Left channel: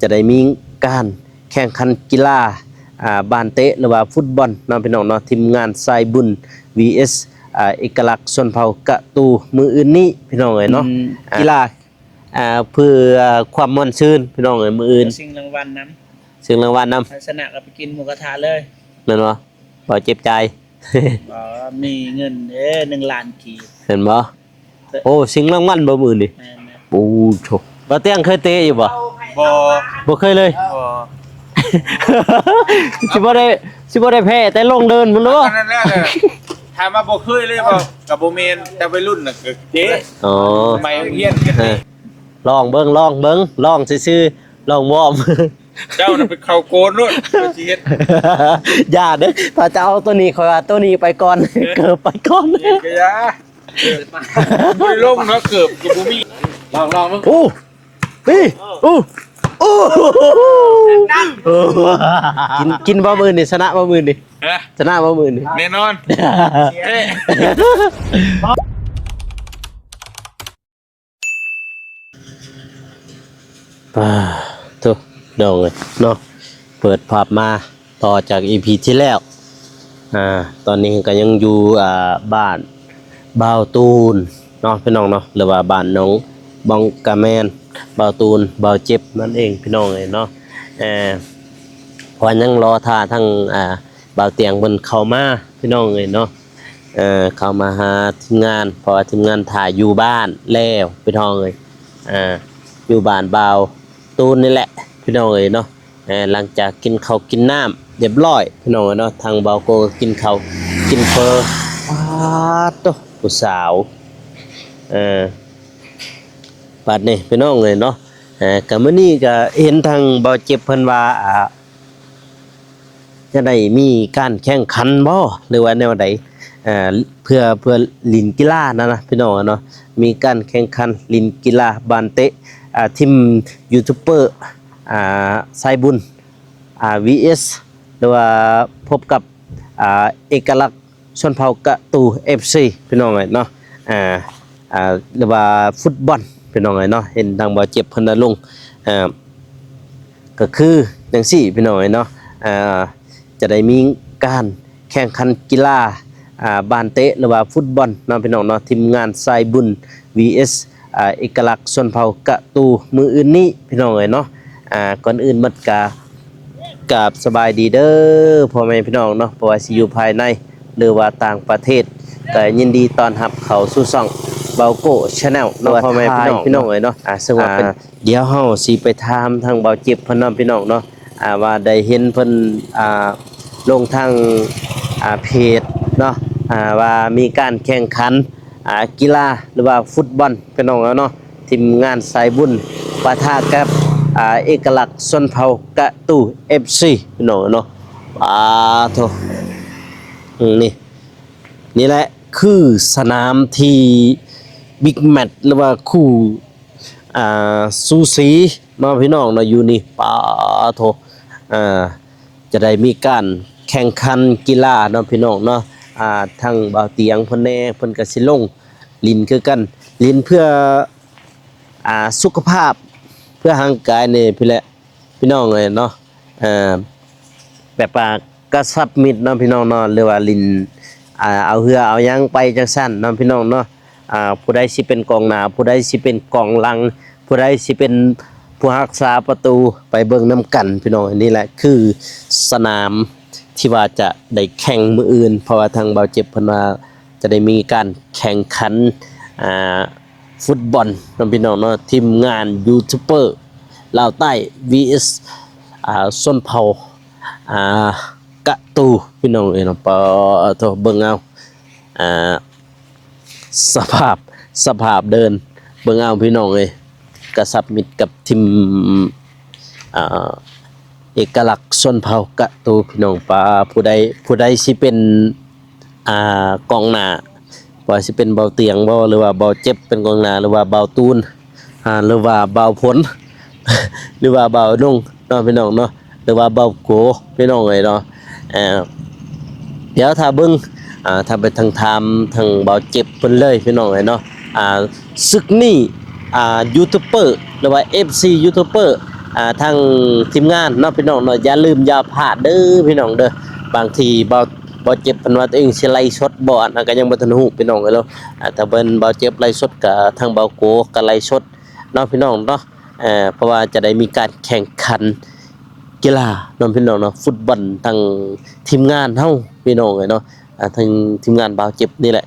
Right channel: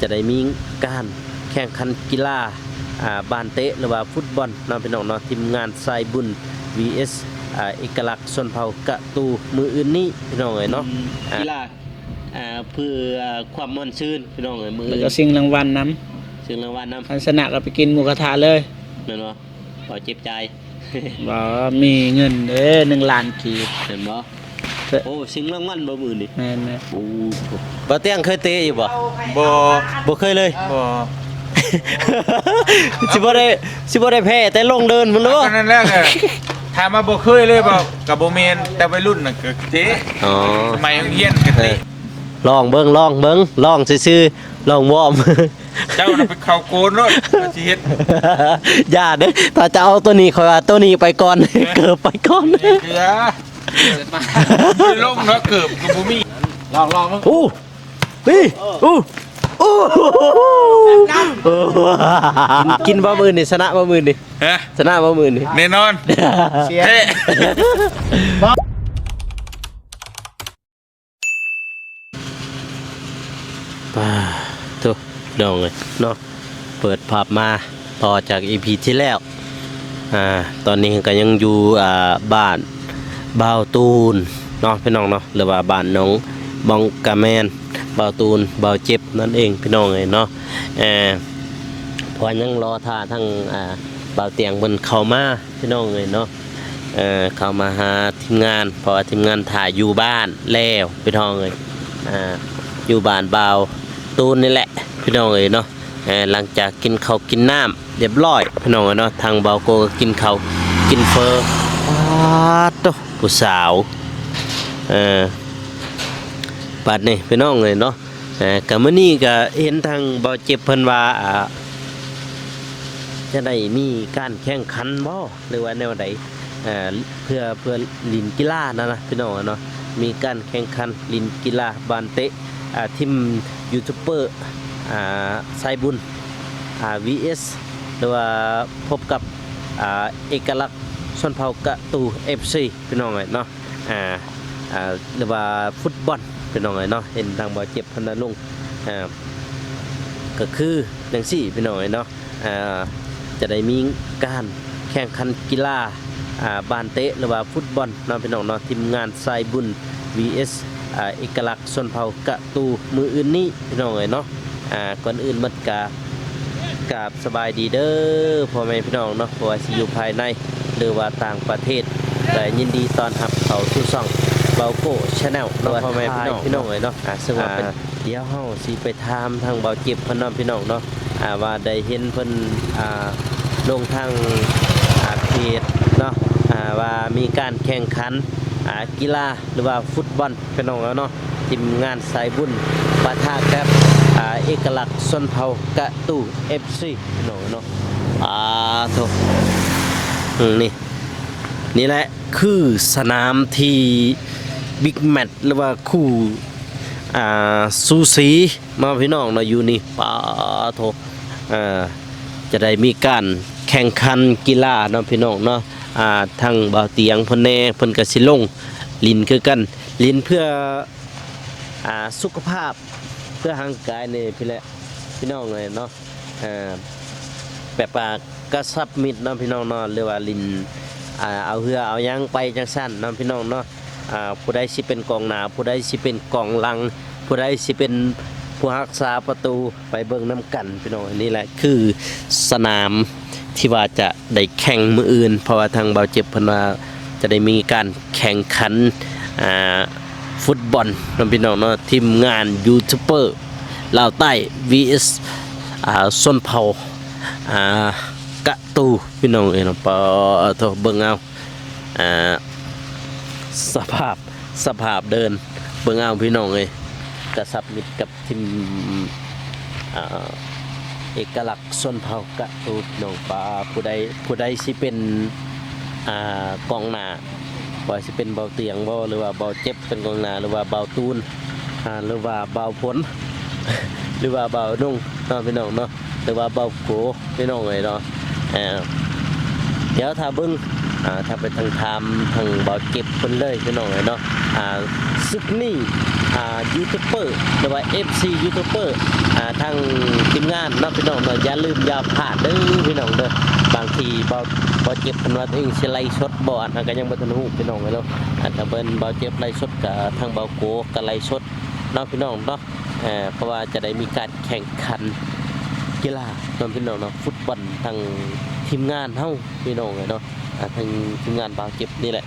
จะได้มีการแข่งขันกีฬาบานเตะหรือว่าฟุตบอลน้องพี่น้องเนาะทีมงานสายบุญ vs เอกลักษณ์ชนเผ่ากะตูมืออื่นนี้พี่น้องเอ้ยเนาะกีฬาเพื่อความม่วนชื่นพี่น้องเอ้ยมืออื่นสิ่งรางวัลนสิ่งรางวัลนำชนะก็ไปกินหมูกระทะเลยแม่นบ่บ่เจ็บใจ บ่มีเงินเด้1 ล้านกีบเห็นบ่โอ้สิ่งรางวัลบ่มื้อนี่แม่นโอ้โชคบ่เตียงเคยเตะอยู่บ่บ่เคยเลยบ่สิบ่ได้แพ้แต่ลงเดินพุ่นเนาะนั่นแหละเลยถามมาบ่เคยเลยบ่กับบ่แม่นแต่วัยรุ่นน่ะคือเจ๊อ๋อสมัยเรียนกันนี่ลองเบิ่งลองซื่อๆลองวอร์มเจ้าน่ะไปเข้าโกนโลดสิเฮ็ดอย่าเด้อถ้าจะเอาตัวนี้ขอตัวนี้ไปก่อนเกิดไปก่อนอย่าเกิดมาบ่ได้ลงเนาะเกิดกูบ่มีลองมึงนี่กินบ่มื้อนี่ชนะบ่มื้อนี่ฮะชนะบ่มื้อนี่แน่นอนเฮ้ทุกน้องเอ้ยเนาะเปิดภาพมาต่อจาก EP ที่แล้วตอนนี้ก็ยังอยู่บ้านบ่าวตูนเนาะพี่น้องเนาะหรือว่าบ้านน้องบองกาแมนบ่าวตูนบ่าวเจ็บนั่นเองพี่น้องเอ้ยเนาะพอยังรอท่าทั้งบ่าวเตียงเพิ่นเข้ามาพี่น้องเอ้ยเนาะเข้ามาหาทีมงานเพราะว่าทีมงานถ่ายอยู่บ้านแล้วพี่น้องเอ้ยอยู่บ้านบ่าวตูนนี่แหละพี่น้องเอ้ยเนาะหลังจากกินข้าวกินน้ำเรียบร้อยพี่น้องเอ้ยเนาะทางบ่าวโกก็กินข้าวกินเฟอตุ๊ผู้สาวบัดนี้พี่น้องเอ้ยเนาะก็มื้อนี้ก็เห็นทางบ่าวเจ็บเพิ่นว่าจะได้มีการแข่งขันบ่หรือว่าแนวใดเพื่อลินกีฬานะพี่น้องเนาะมีการแข่งขันลินกีฬาบานเตะทีมยูทูบเบอร์สายบุญvs หรือว่าพบกับเอกลักษณ์ชนเผ่ากะตู FC พี่น้องเนาะหรือว่าฟุตบอลพี่น้องเนาะเห็นทางบ่เจ็บเพิ่นลงก็คือจังซี่พี่น้องเนาะจะได้มีการแข่งขันกีฬาบานเตะหรือว่าฟุตบอลเนาะพี่น้องเนาะทีมงานสายบุญ vs เอกลักษณ์ชนเผ่ากะตูมืออื่นนี้พี่น้องเนาะก่อนอื่นบัดกับสบายดีเด้อพ่อแม่พี่น้องเนาะเพราะว่าสิอยู่ภายในหรือว่าต่างประเทศแต่ยินดีต้อนรับเข้าสู่ช่องเบาโก้ Channel เนาะพ่อแม่พี่น้องเนาะซึ่งว่าเป็นเดี๋ยวเฮาสิไปถามทางเบาเจ็บเพิ่นเนาะพี่น้องเนาะว่าได้เห็นเพิ่นลงทางเพจเนาะว่ามีการแข่งขันกีฬาหรือว่าฟุตบอลพี่น้องเนาะทีมงานสายบุญปะทะกับเอกลักษณ์ชนเผ่ากะตู FC พี่น้องเนาะโธ่นี่แหละคือสนามที่บิ๊กแมตช์หรือว่าคู่สูสีมาพี่น้องเนาะอยู่นี่โธ่จะได้มีการแข่งขันกีฬาเนาะพี่น้องเนาะทางบ่าวเตียงเพิ่นแน่เพิ่นก็สิลงลินคือกันลินเพื่อสุขภาพเพื่อร่างกายนี่พี่น้องเลยเนาะแบบกระชับมิตรเนาะพี่น้องเนาะหรือว่าลินเอาเหือเอายังไปจังซั่นเนาะพี่น้องเนาะผู้ใดสิเป็นกองหน้าผู้ใดสิเป็นกองหลังผู้ใดสิเป็นผู้รักษาประตูไปเบิ่งน้ำกันพี่น้องนี่แหละคือสนามที่ว่าจะได้แข่งมื้ออื่นเพราะว่าทางเบาเจ็บเพิ่นว่าจะได้มีการแข่งขันฟุตบอลน้องพี่น้องเนาะทีมงานยูทูบเบอร์ลาวใต้ vs ส้นเผากะตูพี่น้องเนาะโตเบิ่งเอาสภาพเดินเบิ่งเอาพี่น้องกระสับมิตรกับทีมเอกลักษณ์ชนเผ่ากะตูพี่น้องผู้ใดสิเป็นกองหน้าว่าสิเป็นเบาเตียงบ่หรือว่าเบาเจ็บเป็นกองหน้าหรือว่าเบาตูนหรือว่าเบาผล หรือว่าเบานุ่งเนาะพี่น้องเนาะหรือว่าเบาโกพี่น้องเนาะเดี๋ยวถ้าเบิ่งถ้าไปทางเบาเจ็บเพิ่นเลยพี่น้องเนาะศึกนี้ยูทูบเบอร์หรือว่า FC ยูทูบเบอร์ ทั้งทีมงานเนาะพี่น้องเนาะอย่าลืมอย่าพลาดเด้อพี่น้องเด้อบางทีบ่เจ็บเพิ่นว่าตัวเองสิไล่สดบ่อันนั้นก็ยังบ่ทันฮู้พี่น้องเอ้ยแล้วแต่เพิ่นบ่เจ็บไล่สดก็ทางเบาโกก็ไล่สดเนาะพี่น้องเนาะเพราะว่าจะได้มีการแข่งขันกีฬาเนาะพี่น้องเนาะฟุตบอลทางทีมงานเฮาพี่น้องเอ้ยเนาะทางทีมงานเบาเจ็บนี่แหละ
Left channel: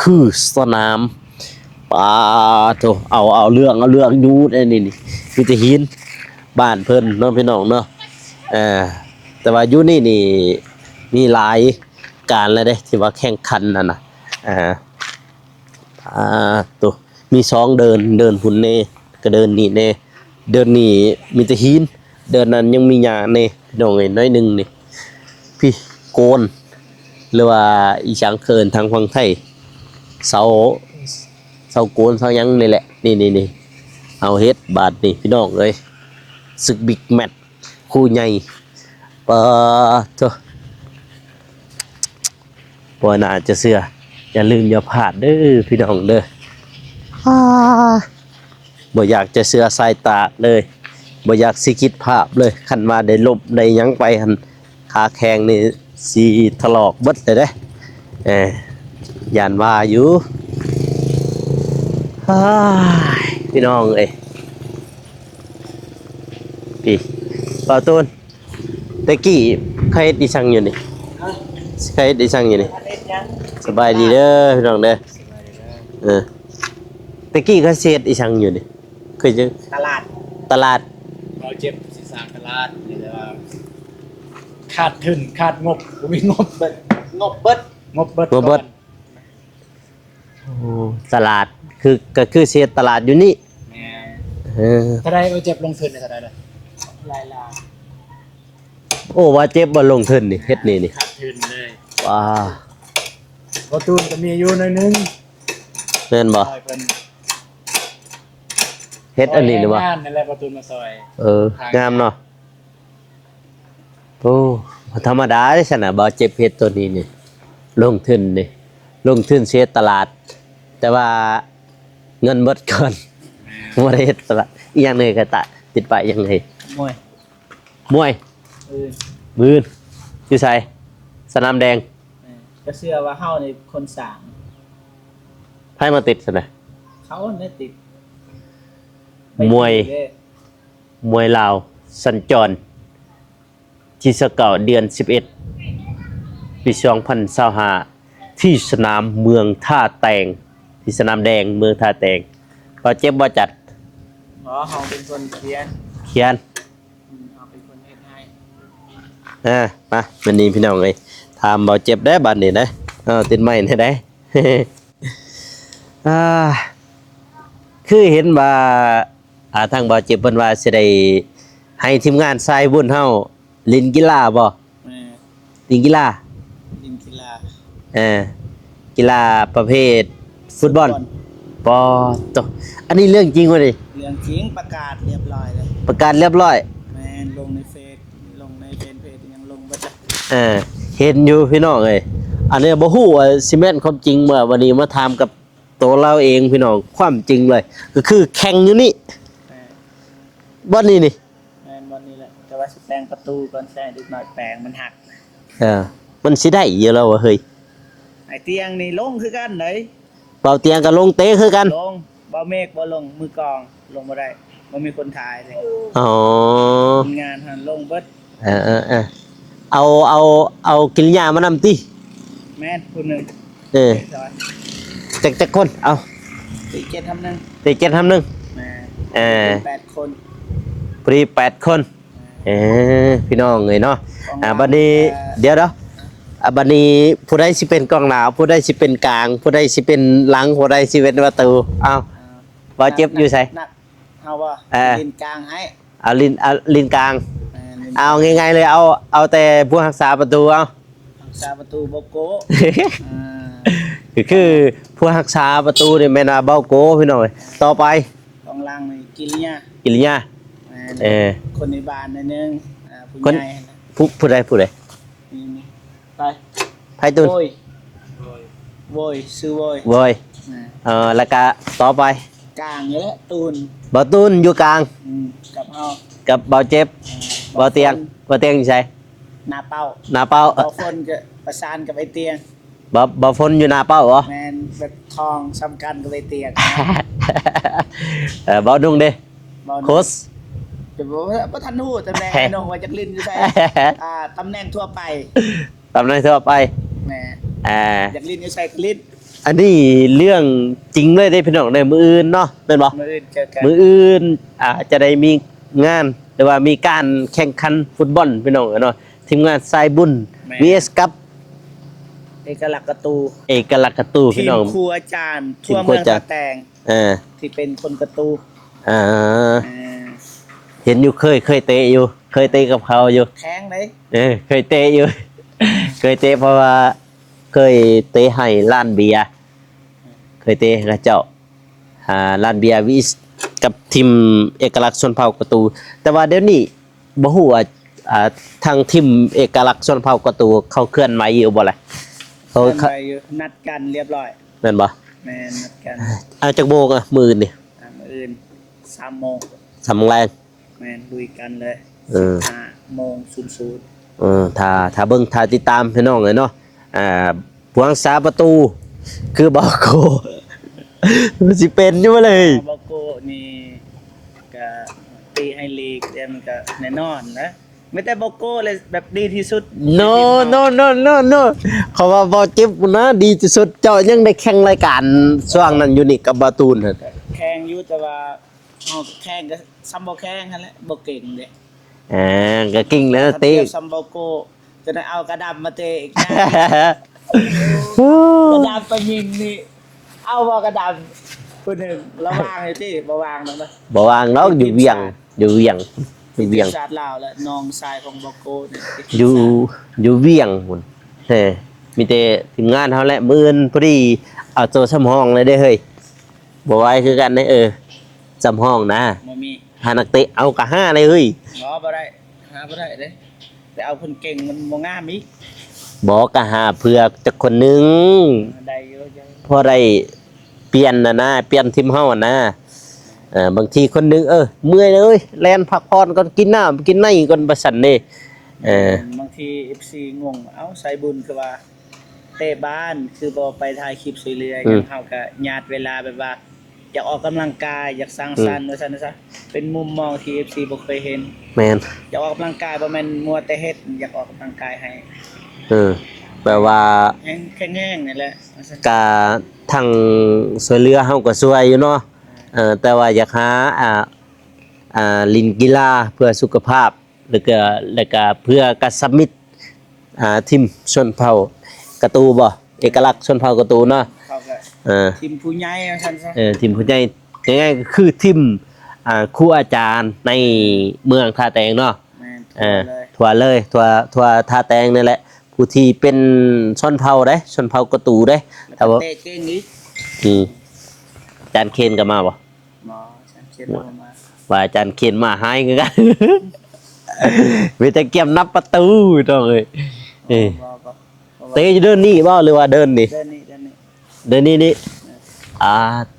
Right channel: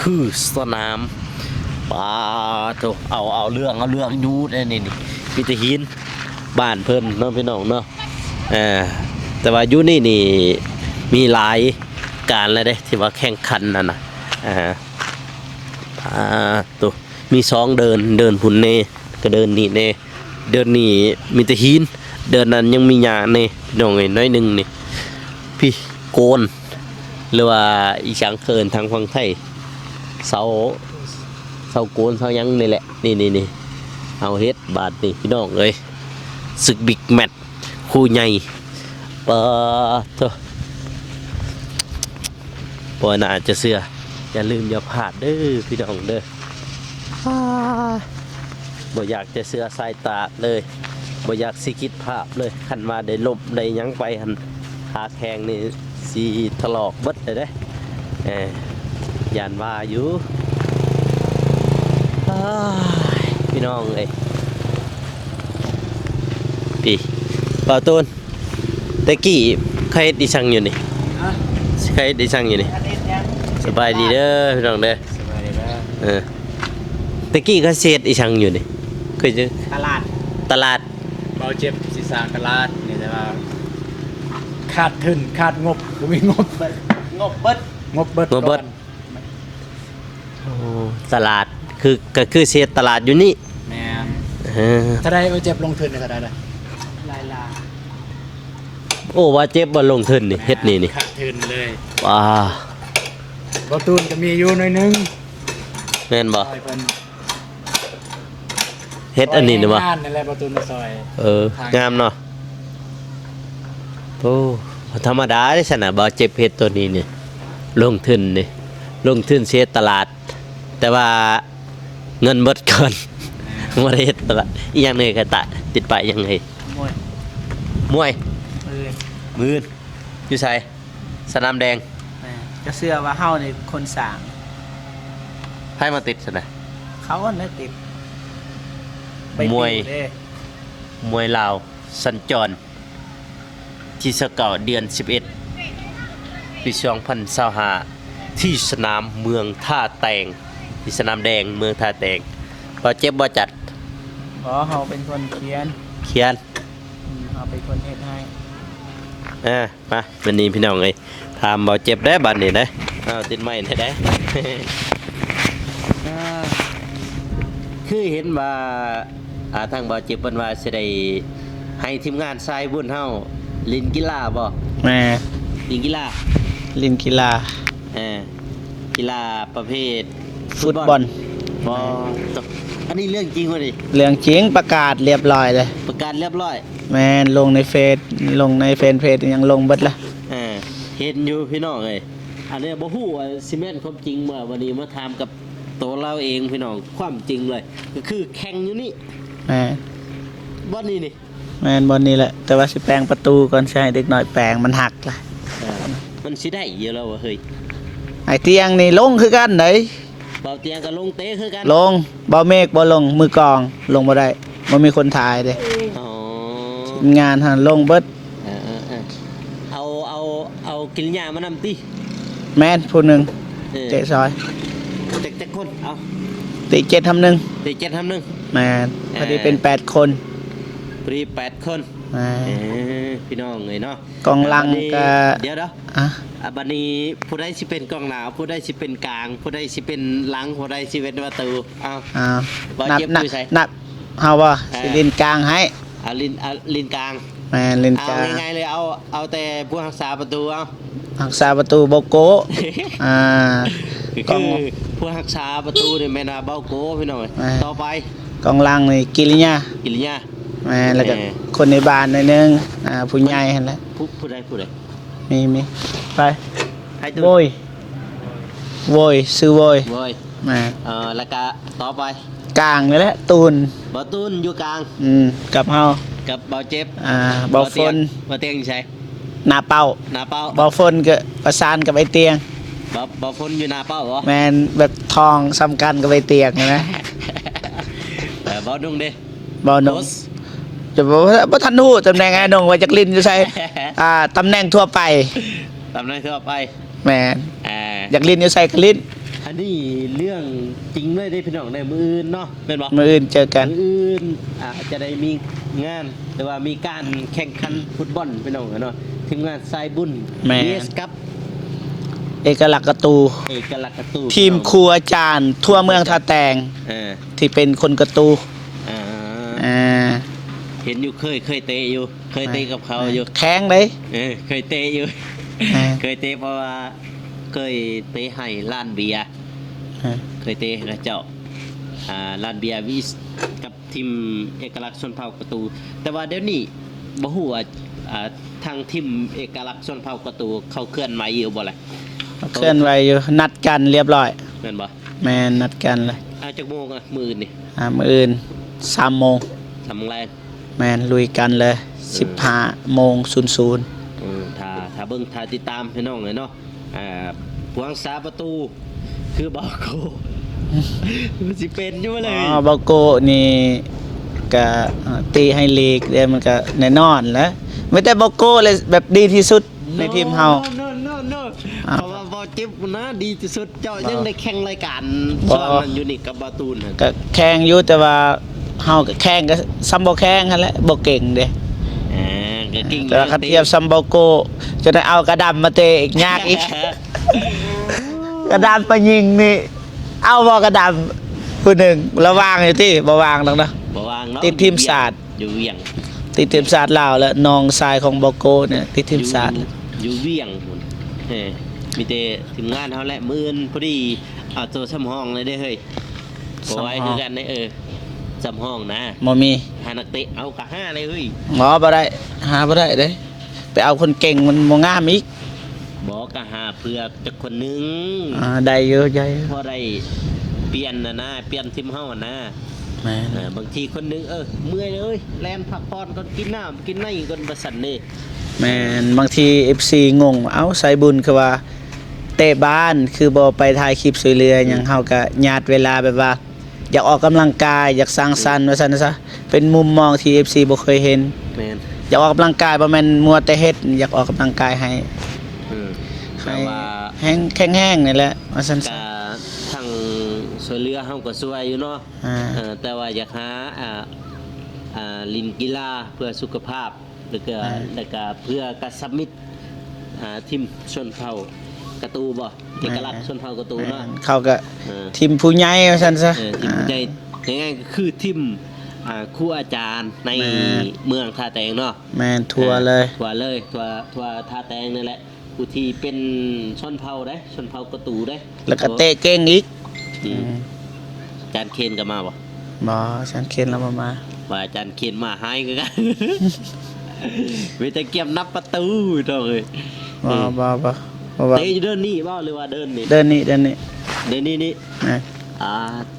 คือสนามปาโตเอาเรื่องอยู่นี่มีแต่หินบ้านเพิ่นเนาะพี่น้องเนาะแต่ว่าอยู่นี่มีหลายการแล้วเด้ที่ว่าแข่งขันนั่นน่ะตัวมี2เดินพุ่นเน่ก็เดินนี่เน่เดินนี่มีแต่หินเดินนั้นยังมีหญ้าเน่พี่น้องเอ้ยน้อยหนึงนี่พี่โกนหรือว่าอีสังเคินทางฝั่งไทยเสาโกนเสาหยังนี่แหละนี่เอาเฮ็ดบาดนี่พี่น้องเอ้ยศึกบิ๊กแมตช์คู่ใหญ่ปะโตบ่น่าจะเชื่ออย่าลืมอย่าพลาดเด้อพี่น้องเด้อบ่อยากจะเชื่อสายตาเลยบ่อยากสิคิดภาพเลยคันว่าได้ลบได้หยังไปหั่นขาแข้งนี่สิถลอกเบิดเลยเด้ย่านว่าอยู่พี่น้องเอ้ยอีป่าวตูนตะกี้ใครเฮ็ดดิชังอยู่นี่ใครเฮ็ดดิชังอยู่นี่สบายดีเด้อพี่น้องเด้อสบายดีนะตะกี้เขาเฮ็ดดิชังอยู่นี่เคยเจอตลาดเบาเจ็บศีรษะกระลาดนี่แต่ว่าขาดทุนขาดงบบ่มีงบเลยงบเบิดโอ้ตลาดก็คือเฮ็ดตลาดอยู่นี่แม่ถ้าได้เบาเจ็บลงทุนได้เท่าใดล่ะหลายล้านโอ้ว่าเจ็บบ่ลงทุนนี่เฮ็ดนี่ขาดทุนเลยว้าบ่ตูนก็มีอยู่หน่อยนึงแม่นบ่เฮ็ดอันนี้นี่บ่งานนั่นแหละบ่ตูนมาซอยงามเนาะโอ้ธรรมดาเด้ซั่นน่ะบ่เจ็บเฮ็ดตัวนี้นี่ลงทุนเฮ็ดตลาดแต่ว่าเงินหมดก่อนบ่ได้เฮ็ดตลาดอีหยังนี่ก็ติดป้ายอีหยังให้มวยมืออยู่ไสสนามแดงจะเชื่อว่าเฮานี่คนสร้างให้มาติดซั่นน่ะเขาน่ะติดมวยลาวสัญจรที่สเก่าเดือน11ปี2025ที่สนามเมืองท่าแตงที่สนามแดงเมืองท่าแตงพอเจ็บบ่จัดเฮาเป็นคนเขียนเฮาเป็นคนเฮ็ดให้มาวันนี้พี่น้องเอ้ยถามบ่เจ็บได้บัดนี้นะติดไม้ได้คือเห็นว่าทางบ่เจ็บเพิ่นว่าสิได้ให้ทีมงานสายบุญเฮาเล่นกีฬาบ่แม่เล่นกีฬากีฬาประเภทฟุตบอลบ่ตกอันนี้เรื่องจริงบ่ดิเรื่องจริงประกาศเรียบร้อยเลยประกาศเรียบร้อยแม่นลงในเฟซเพจยังลงเบิดละเห็นอยู่พี่น้องเอ้ยอันนี้บ่ฮู้ว่าสิแม่นความจริงเมื่อวันนี้มาถามกับตัวเราเองพี่น้องความจริงเลยก็คือแข่งอยู่นี่บ่นี่นี่แม่นบ่นี่แหละแต่ว่าสิแปลงประตูก่อนใช่เด็กน้อยแปลงมันหักล่ะมันสิได้อยู่แล้วเฮ้ยไอ้เตียงนี่ลงคือกันไดเบาเตียงก็ลงเตะคือกันลงเบาเมฆบ่ลงมือกองลงบ่ได้บ่มีคนถ่ายเด้งานหั่นลงเบิดเอากินยามานำติแม่นผู้นึงเตะซอยจักคนเอาเตะ7ทำ1แม่นเป็น8คนพอดี8คนพี่น้องเอ้ยเนาะบัดนี้เดี๋ยวบัดนี้ผู้ใดสิเป็นกองหน้าผู้ใดสิเป็นกลางผู้ใดสิเป็นหลังผู้ใดสิเป็นประตูบ่เจ็บอยู่ไสนับเฮาบ่ลิ้นกลางให้เอาลิ้นกลางแม่นลิ้นเอาง่ายๆเลยเอาแต่ผู้รักษาประตูรักษาประตูเบาโกคือผู้รักษาประตูนี่แม่นว่าเบาโกพี่น้องต่อไปกองหลังนี่กิริยาแล้วก็คนในบ้านหน่อยนึงผู้ใหญ่หั่นแหละผู้ใดมีไปตุนโวยซื้อโวยแล้วก็ต่อไปกลางนี่แหละตูนบ่ตูนอยู่กลางกับเฮา กับเบาเจ็บ บ่ เบา ฝ เตียง น เบาเตียงอยู่ไส หน้าเป้า หน้าเป้า บ่ฝนก็ประสานกับไอ้เตียง เบาฝนอยู่หน้าเป้าเหรอ แมนแบบทองสำคัญกับไอ้เตียงนะ เบานุ่งเด้ บ่หน โค้ ง ช จะบอกว่าบ่ทันฮู้ตำแหน่งไอ้หนงว่าจักลินอยู่ไส ตำแหน่งทั่วไป ตามนั้นทั่วไป แม่น อ่า อยากลินอยู่ไสก็ลิน อันนี้เรื่องจริงเลยได้พี่น้องในมืออื่นเนาะแม่นบ่ มื้ออื่นเจอกัน มืออื่นจะได้มีงานหรือว่ามีการแข่งขันฟุตบอลพี่น้องเนาะทีมงานสายบุญ VS กับ เอกลักษณ์กระตู เอกลักษณ์การ์ตู ที พี่ ม น้อง ครูอาจารย์ ทั่วเมืองท่าแตง อ่า ที่เป็นคนกระตู อ่า อ่า เห็นอยู่เคยเตะอยู่เคยเตะกับเขาอยู่ แข้งเด้ เคยเตะอยู่ เคยเตะเพราะว่าเคยเตะให้ร้านเบียร์เคยเตะให้กับเจ้าร้านเบียร์วิสกับทีมเอกลักษณ์ชนเผ่ากระตู แต่ว่าเดี๋ยวนี้บ่ฮู้ว่าทางทีมเอกลักษณ์ชนเผ่ากระตูเขาเคลื่อนไหวอยู่บ่ล่ะ เคลื่อนไหวอยู่นัดกันเรียบร้อย แม่นบ่ แม่นนัดกันเลย จักโมงมื้อนี่ มื้ออื่น3โมง สำแรง แม่นลุยกันเลย 15โมง00 ถ้าเบิ่งถ้าติดตามพี่น้องเลยเนาะผู้รักษาประตูคือบอกโก มันสิเป็นอยู่เลย บาโกนี่ก็ตีให้ลีกเดี๋ยวมันก็แน่นอนแล้วไม่แต่บาโกเลยแบบดีที่สุดใน no ทีมเฮา no เพราะว่าบ่เจ็บนะดีที่สุดเจ้ายังได้แข่งรายการช่วงนั้นอยู่นี่กับบาตูนน่ะ ก็แข่งอยู่แต่ว่าเฮาก็แข่งก็ซ้ำบ่แข่งหั่นแหละบ่เก่งเด้ ก็กิ้งแล้ว ถ้า เตะ เทียบซัมบาโกจะได้เอากระดำมาเตะอีกยากอีก กระดำไปยิงนี่เอาบ่กระดำผู้หนึ่งระวางอยู่ที่บ่วางดอกนะ บ่วางเนาะ ติดทีมชาติ อยู่เวียง ติดทีมชาติลาวแล้วน้องชายของบาโกเนี่ยติดทีม อยู่ ชาติ อยู่เวียงพุ่นมีแต่ทีมงานเฮาแหละมื้ออื่นพอดีเอาโตสำห้องเลยเด้เฮ้ยบ่ไหวคือกันเด้สำห้องนะ บ่มี หานักเตะเอากะ5เลยเฮ้ย หมอบ่ได้หาบ่ได้เด้ไปเอาคนเก่งมันบ่งามอีก บอกกะหาเพื่อจักคนหนึง ได้เยอะใหญ่ พอได้เปลี่ยนนะเปลี่ยนทีมเฮานะ แม่ บางทีคนหนึงเมื่อยเลยแล่นพักผ่อนก่อนกินน้ำกินในก่อนบ่สั่นเด้ แม่นบางที FC งงเอ้าใส่บุญคือว่าเตะบ้านคือบ่ไปถ่ายคลิปสวยเรือหยังเฮาก็ญาติเวลาแบบว่า อยากออกกำลังกายอยากสร้างสรรค์ว่าซั่นซะเป็นมุมมองที่ FC บ่เคยเห็น แม่น อยากออกกำลังกายบ่แม่นมัวแต่เฮ็ดอยากออกกำลังกายให้ แปลว่า แห้งๆนี่แหละว่าซั่น กะทางสวยเรือเฮาก็สวยอยู่เนาะ แต่ว่าอยากหาลินกีฬาเพื่อสุขภาพแล้วก็เพื่อกระสมิตรทีมชนเผ่ากระตูบ่เอกลักษณ์ชนเผ่ากระตูเนาะ เขาก็ อ่า ทีมผู้ใหญ่ว่าซั่นซะ ทีมผู้ใหญ่ง่ายๆก็คือทีมครูอาจารย์ในเมืองท่าแตงเนาะ แม่นทั่วเลย ทั่วเลยทั่วท่าแตงนี่แหละผู้ที่เป็นชนเผ่าเด้ชนเผ่ากระตูเด้ แล้วก็เตะเก่งอีก อาจารย์เคนก็มาบ่ บ่ฉันเข็นแล้วมา ว่าอาจารย์เคนมาหายคือกัน มีแต่เก็บนับประตูต้องเอ้ย บ่ เตะอยู่เดินนี่บ่หรือว่าเดินนี่ เดินนี่ เดินนี่นี่ นะ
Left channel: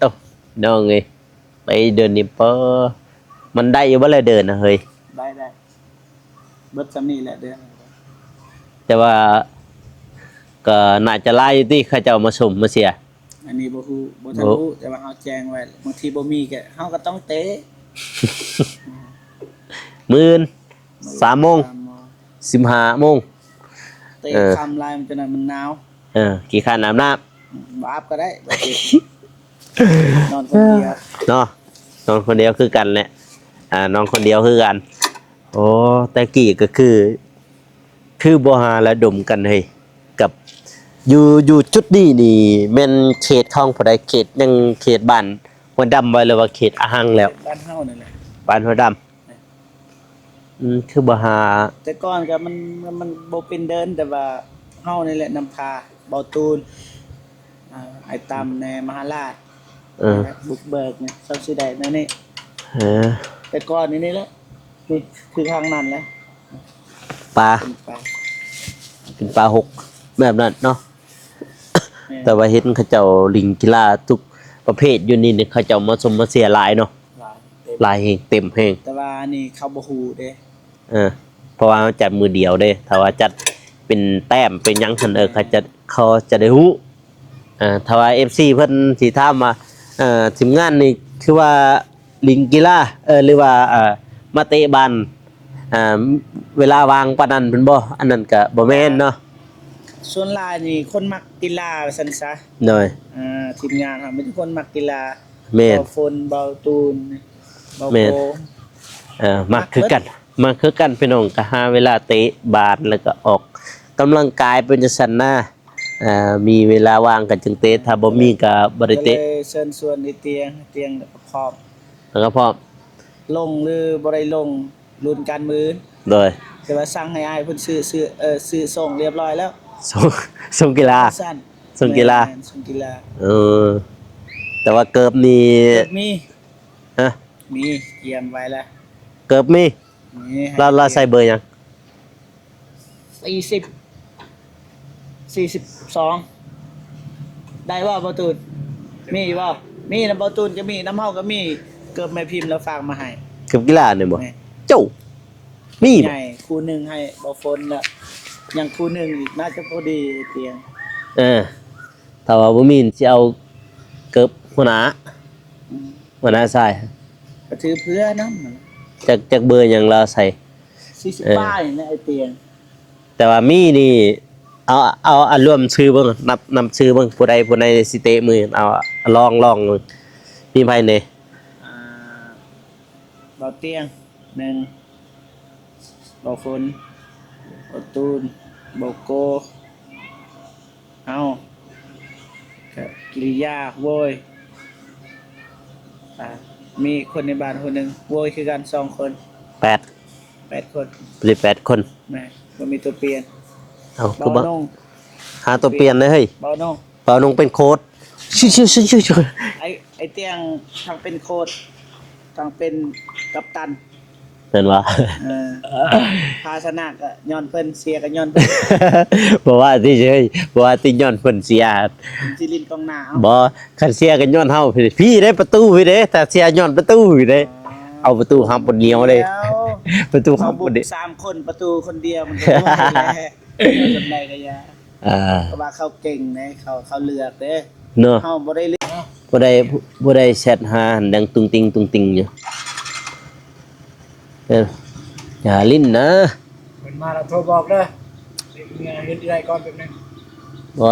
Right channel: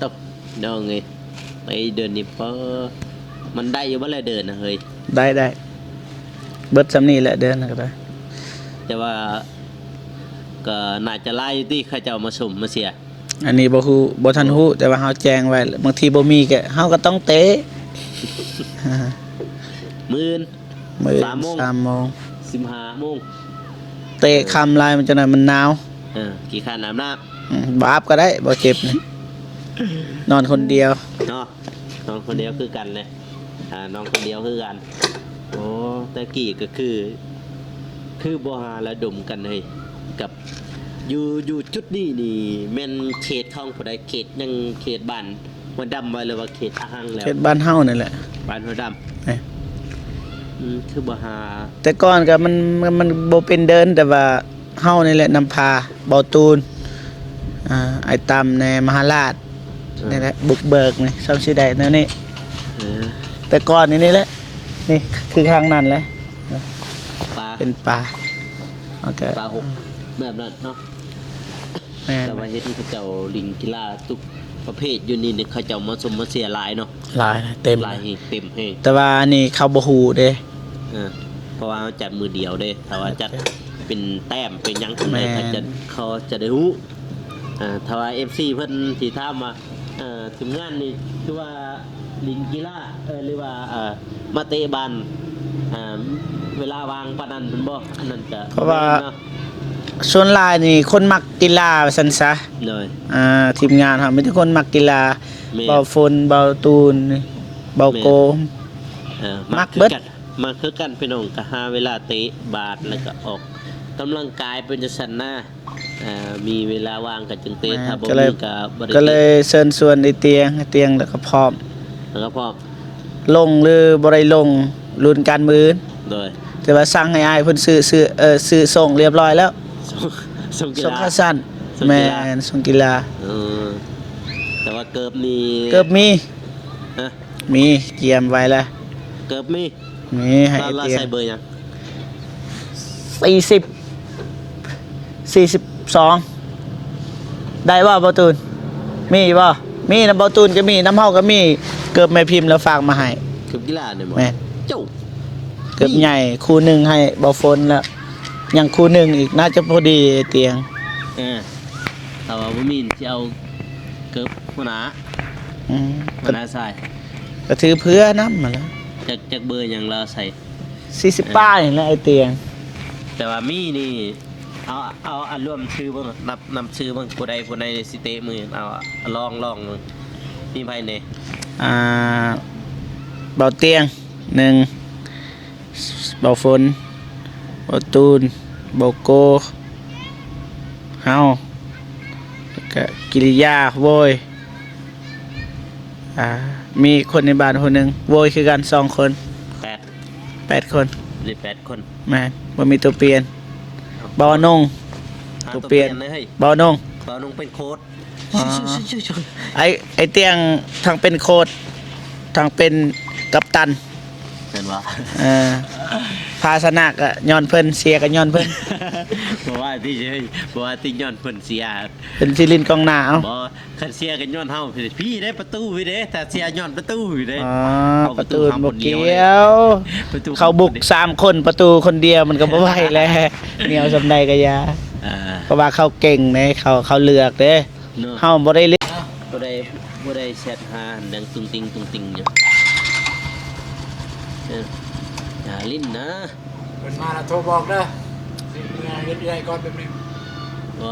ตบน้องเอ้ยไปเดินนี่เปอมันได้อยู่บ่เลยเดินนะเฮ้ย ได้เบิดซำนี้แหละเดินก็ได้ แต่ว่าก็น่าจะไล่ที่เขาเจ้ามาชมมาเสีย อันนี้บ่ฮู้บ่ทันฮู้แต่ว่าเฮาแจ้งไว้บางทีบ่มีก็เฮาก็ต้องเตะ มื้อ3โมง 3โมง 15โมง เตะคำลายมันจะนั้นมันหนาว กี่คันอาบน้ บาปก็ได้บ่เจ็บนี่นอนคนเดียว ำเนาะนอนคนเดียวคือกันแหละนอนคนเดียวคือกันโอ้แต่กี้ก็คือบ่หาระดมกันเฮ้ยกับอยู่จุดนี้นี่แม่นเขตของผู้ใดเขตยังเขตบ้านหัวดำไว้เลยว่าเขตอาหังแล้ว เขตบ้านเฮานี่แหละ บ้านหัวด เอ้ย ำคือบ่หา แต่ก่อนก็มันบ่เป็นเดินแต่ว่าเฮานี่แหละนำพาเบาตูนไอ้ตำในมหาราชนี่แหละบุกเบิกนี่ซ้ำสิได้นั่นนี่ เออ แต่ก่อนนี่แหละนี่คือทางนั้นแหละ ปลา เป็นป่าโอเค ปลาหกแบบนั้นเนาะ แม่ แต่ว่าเห็นเขาเจ้าลิงกีฬาทุกประเภทอยู่นี่เนี่ยเขาเจ้ามาชมมาเสียหลายเนาะ หลายเต็ม หลายแห่งเต็มแห่ง แต่ว่านี่เขาบ่ฮู้เด้ เพราะว่ามันจัดมือเดียวเด้ถ้าว่าจัดเป็นแต้มเป็นหยังซั่นเขาจะได้ฮู้ถ้าว่า FC เพิ่นสิถามว่าทีมงานนี่คือว่าลิงกีฬาหรือว่ามาเตะบอลเวลาวางปานนั้นเพิ่นบ่อันนั้นก็บ่แม่นเนาะ ส่วนหลายนี่คนมักกีฬาซั่นซะ หน่อย ทีมงานเฮามีแต่คนมักกีฬา แม่น เบาฝนเบาตูนเบา แม่น โกม มาคือกันมาคือกันพี่น้องก็หาเวลาเตะบาสแล้วก็ออกกำลังกายเป็นจังซั่นนะมีเวลาว่างก็จึงเตะถ้าบ่มีก็บ่ได้ ก็เล เตะ ยเชิญชวนไอ้เตียงแล้วก็พร้อม แล้วก็พร้อม ลงหรือบ่ได้ลงรุ่นการมือ โดย แต่ว่าสั่งให้อ้ายเพิ่นซื้อส่งเรียบร้อยแล้ว ส่งกีฬา สั้น ส่งกีฬา แม่นส่งกีฬา แต่ว่าเกิบนี่ เกือบมี ฮะ มีเกียมไว้แล้ว เกิบมี มีให้ เราใส่เบอร์หยัง 42ได้บ่บ่ตูนมีบ่มีน้ำบ่ตูนก็มีน้ำเฮาก็มีเกือบแม่พิมพ์แล้วฝากมาให้ เกิบกีฬาเนี่ยบ่ แม่น เจ้า เกือบ มี ใหญ่คู่หนึงให้บ่ฝนแล้วยังคู่หนึงอีกน่าจะพอดีเตียง แต่ว่าบ่มีสิเอาเกิบหัวหน้า อืม หัวหน้าใส่ ก็ถือเพื่อนํมาแล้ว จากเบอร์หยังเราใส่ 40ป้ายนี่แหละไอ้เตียง แต่ว่ามีนี่เอาอันรวมชื่อเบิ่งนำชื่อเบิ่งผู้ใดสิเตะมือเอาลองเบิ่งมีไผเนี่ย เบาเตียง1เบาฝนเบาตูนเบาโกเฮาแล้วก็กิริยาโวยมีคนในบ้านคนหนึงโวยคือกัน2คน8คน หรือ8คน แม่นบ่มีตัวเปลี่ยน เอา เบานง หาตัวเปลี่ยนเลยเฮ้ย เบานง เบานงเป็นโค้ดชื่อ ไอเตียงทางเป็นโค้ชทางเป็นกัปตัน เห็นว่า ภาสนะก็ย้อนเพิ่นเสียก็ย้อนเพิ่น บอกว่าที่เฉยบอกว่าที่ย้อนเพิ่นเสีย เป็นซิลินกองหน้าเอา บ่คันเสียกันย้อนเฮาพี่ได้ประตูพี่เด้ถ้าเสียย้อนประตูพี่เด้ เอาประตูห้ามคนเดียวเลย ประตู เขาบุก3คนประตูคนเดียวมันก็บ่ไหวแล้วเดียวสำใดก็ยาเพราะว่าเขาเก่งเด้เขาเลือกเด้ เนาะ เฮาบ่ได้เลือก บ่ได้แชทหาดังตุงติงอยู่อย่าลิ้นนะ เพิ่นมาแล้วโทรบอกเด้อสิเรื่อยๆก่อนแป๊บนึง บ่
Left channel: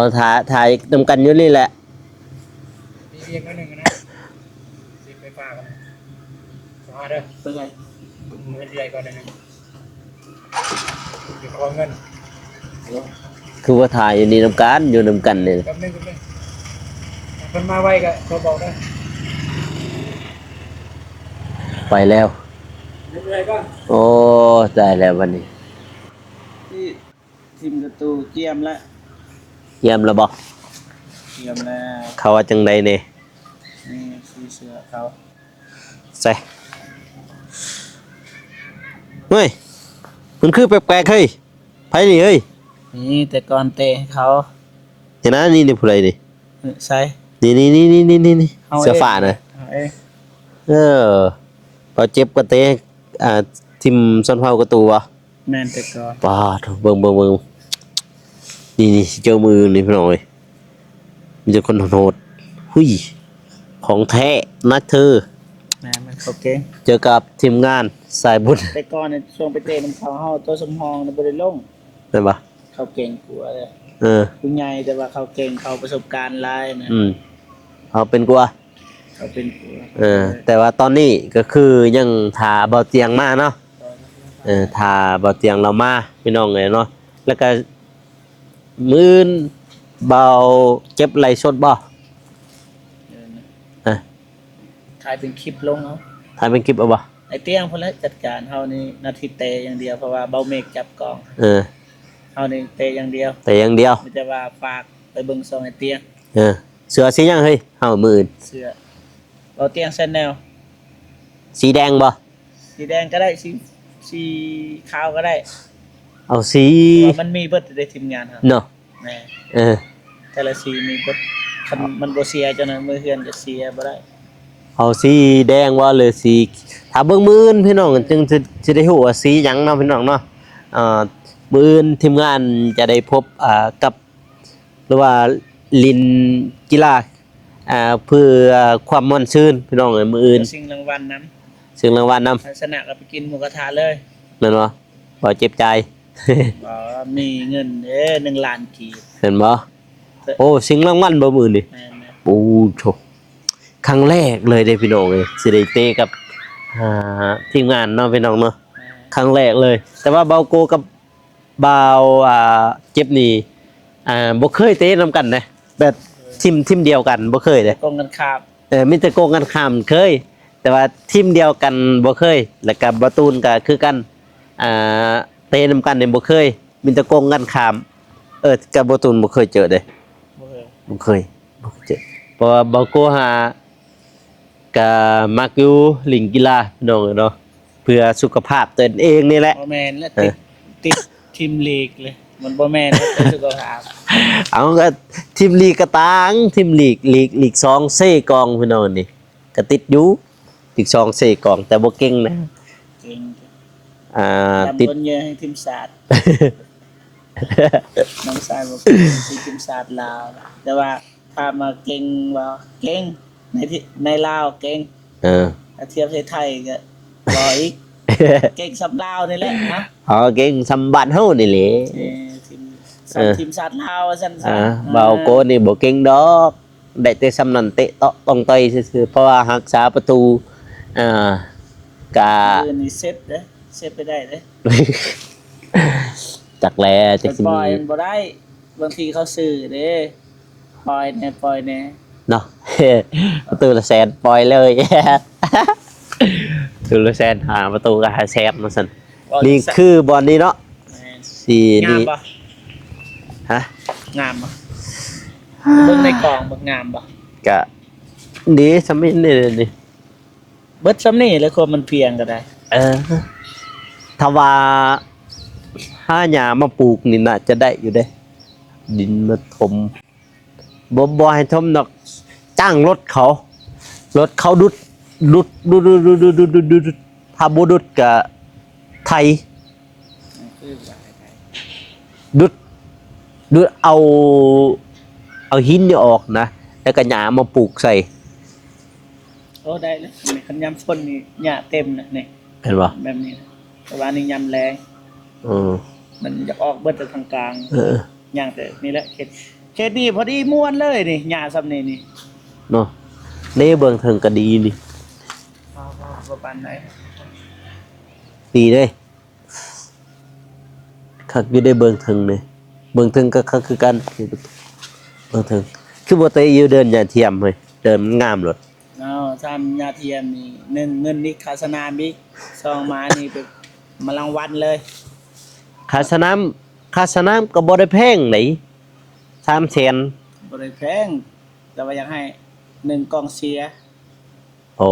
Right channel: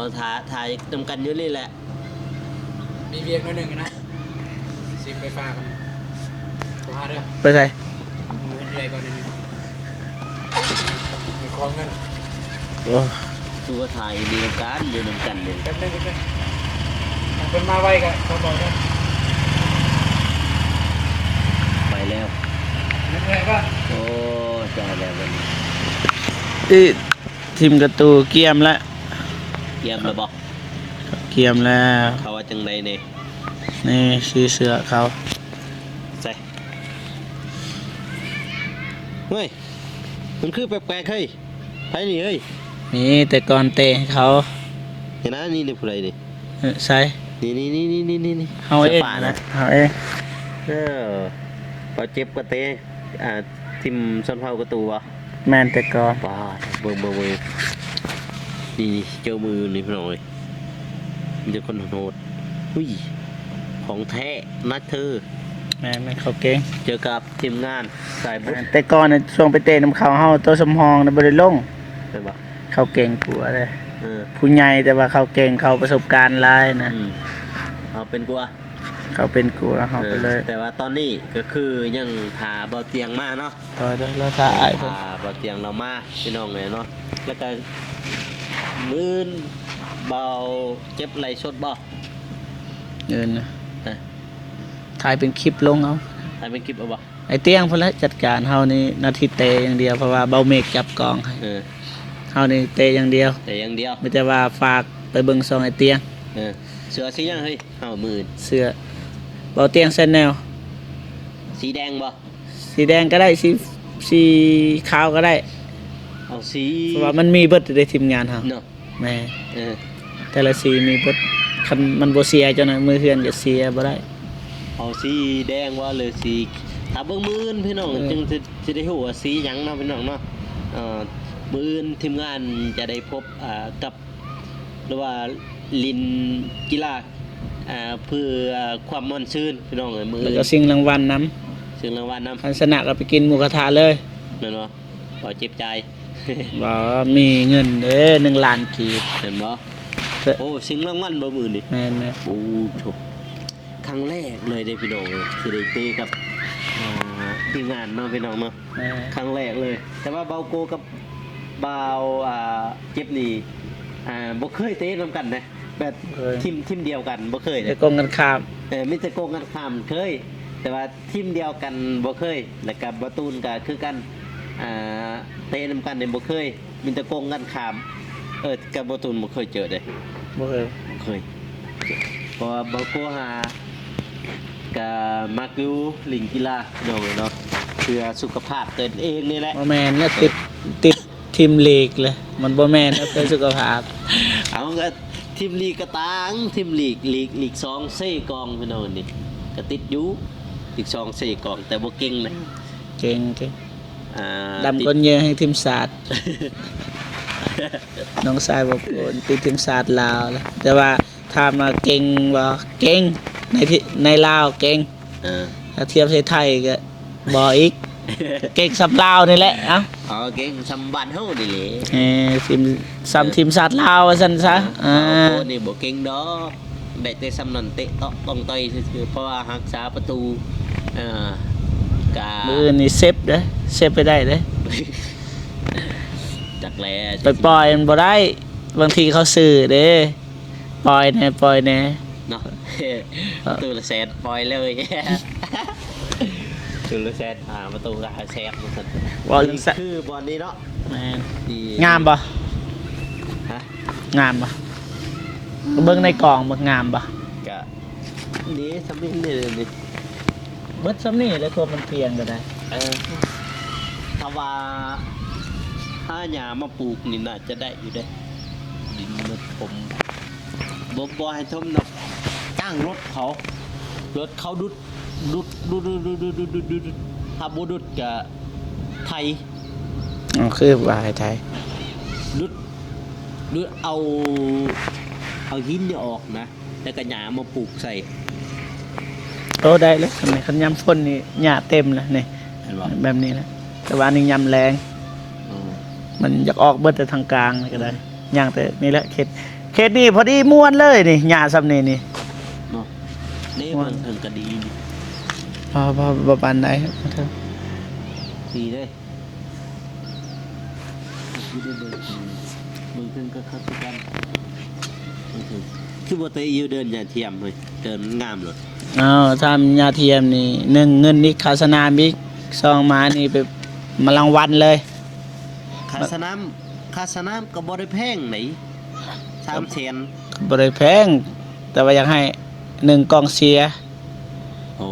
ถ่ายนำกันอยู่นี่แหละ มีเวียงหน่อยหนึงนะสิไปฝากกันโทรหาเด้อ ไปใส่ เรื่อยๆก่อนนิดนึงอยู่ขอเงิน คือว่าถ่ายอยู่นี่นำกันอยู่นำกันนี่ แป๊บนึงเพิ่นมาไวก็โทรบอกนะ ไปแล้ว เรื่อยๆก่อน โอ้ได้แล้ววันนี้ ทีมกระตูเกียมแล้ว เยี่ยมแล้วบ่ เกียมแล้ว เขาว่าจังไดเนี่ย นี่ชื่อเสือเขา ใส่เฮ้ยมันคือแปลกๆเฮ้ยไผนี่เฮ้ย นี่แต่ก่อนเตะให้เขา เห็นนะนี่ผู้ใดนี่ ใส่ นี่ เฮา เสื้อฟ้านะ เฮาเอง เอาเจ็บกระเตะทิมส้นเผากระตูวะ แม่นแต่ก่อน ป้าดเบิ่งนี่เจอมือนี่พี่น้อยมีแต่คนโหดหุยของแท้นะเธอ แม่นเขาเก่ง เจอกับทีมงานสายบุญ แต่ก่อนน่ะช่วงไปเตะน้ำเขาเฮาตัวสมหองน่ะบ่ได้ลง ได้ปะ เขาเก่งกว่าเลย เออ ผู้ใหญ่แต่ว่าเขาเก่งเขาประสบการณ์หลายนะ เอาเป็นกว่า เขาเป็นกว่าเขา แต่ว่าตอนนี้ก็คือยังทาเบาเตียงมาเนาะ ต่อได้แล้วถ้า ทาเบาเตียงเรามาพี่น้องเลยเนาะแล้วก็มื้นเบาเจ็บไหลสดบ่ เงินนะ อ่ะ ถ่ายเป็นคลิปลงเอา ถ่ายเป็นคลิปเอาบ่ ไอ้เตี้ยงพุ่นละจัดการเฮานี่หนาทีเตะอย่างเดียวเพราะว่าเบาเมฆจับกองให้ เออ เฮานี่เตะอย่างเดียว แต่อย่างเดียว ไม่แต่ว่าฝากไปเบิ่งซองไอ้เตี้ยง เสือสีหยังเฮ้ยเอามืออื่น เสื้อเบาเตี้ยงเส้นแนว สีแดงบ่ สีแดงก็ได้สีขาวก็ได้ เอาสี เพราะว่ามันมีเบิดในทีมงานเฮา เนาะ แม่ เออ แต่ละสีมีเบิดคันมันบ่เสียจังนั้นมือเฮือนจะเสียบ่ได้ เอาสีแดงว่าเลยสีถ้าเบิ่งมื้ออื่นพี่น้องจึงจะได้ฮู้ว่าสีหยังเนาะพี่น้องเนาะมื้ออื่นทีมงานจะได้พบกับหรือว่าลินกีฬาเพื่อความม่วนชื่นพี่น้องเอ้ยมื้ออื่น ก็สิ่งรางวัลนำ ซึ่งรางวัลนำ ทัศนะก็ไปกินหมูกระทะเลย แม่นบ่บ่เจ็บใจ บ่มีเงินเด้อ1ล้านกีบ เห็นบ่โอ้สิ่งรางวัลบ่มื้อนี่ แม่น โอ้โถครั้งแรกเลยได้พี่น้องเอ้ยสิได้เตะกับทีมงานเนาะพี่น้องเนาะ ๆ ครั้งแรกเลย แต่ว่าเบาโกกับเบาเจ็บนี่บ่เคยเตะนํกันนะแบบทีมเดียวกันบ่เคยเลย กองกันข้าม มีแต่โกงกันข้ามเคย แต่ว่าทีมเดียวกันบ่เคย แล้วก็บาตูนก็คือกันเตะนํกันนี่บ่เคยมีแต่โกงกันข้ามกับบาตูนบ่เคยเจอเด้ บ่เคย บ่เคยเจอเพราะว่าเบาโกก็มักอยู่ลิงกีฬาพี่น้องเนาะเพื่อสุขภาพตนเองนี่แหละ บ่แม่นเนี่ยติดทีมลีกเลย มันบ่แม่นเรื่องสุขภาพ เอาก็ทีมลีกกระตังทีมลีก2เซ่กองพี่น้องนี่ก็ติดอยู่ลีก2เซ่กองแต่บ่เก่งนะ เก่ง ติ ดำ ด คนเยอะให้ทีมศาสตร์ น้องชายบอกเป็นทีมศาสตร์ลาวแหละแต่ว่าถ้ามาเก่งบ่เก่งในลาวเก่ง เออ ถ้าเทียบไทยก็บ่อีก เก่งสำลาวนี่แหละเอ้า อ๋อเก่งสำบัดเฮานี่แหละ ทีมศาสตร์ลาวว่าซั่นซะ เบาโกนี่บ่เก่งดอกได้แต่สำนั้นเตะเตาะต้องต่อยซื่อๆเพราะว่ารักษาประตูกะ นี่เซฟเด้อเซฟไปได้เด้อ จักแล ไปปล่อยมันบ่ได้บางทีเขาซื้อเด้ปล่อยแน่ เนาะ ประตูละแสนปล่อยเลย ประตูละแสนหาประตูก็หาแสนมาซั่นนี่คือบอลนี้เนาะ แม่น ดี งามบ่ ฮะ งามบ่เบิ่งในกล่องบ่งามบ่ กะดีสำมินนี่ดิ เบิดซ้ำนี่แล้วคนมันเพียงก็ได้ ถ้าว่าห้าหญ้ามาปลูกนี่น่าจะได้อยู่เด้ดินมาถมบ่ให้ถมดอกจ้างรถเขาดุดถ้าบ่ดุดก็ไทย อ๋อคือว่าไทย ดุดเอาหินนี่ออกนะแล้วก็หญ้ามาปลูกใส่ โตได้แล้วทำไมคันยำฝนนี่หญ้าเต็มเลยนี่ เห็นบ่ แบบนี้นะแต่ว่านี่ยำแรง อือ มันอยากออกเบิดแต่ทางกลางนี่ เออ ย่างแต่นี่แหละเขตนี่พอดีม่วนเลยนี่หญ้าซ้ำนี่ เนาะนี่เบิ่งถึงก็ดีนี่ พอปานใด ดีเด้คักอยู่ได้เบิ่งถึงนี่เบิ่งถึงก็คักคือกันเบิ่งถึงคือบ่เตะอยู่เดินอย่าเทียมเฮ้ยเดินมันงามโลด อ้าวทำยาเทียมนี่1เงินนี่ค่าสนามอีก2มานี่ไปมารางวัลเลย ค่าสนามก็บ่ได้แพงไหน300,000 บ่ได้แพงแต่ว่าอยากให้1กองเชียร์ โอ้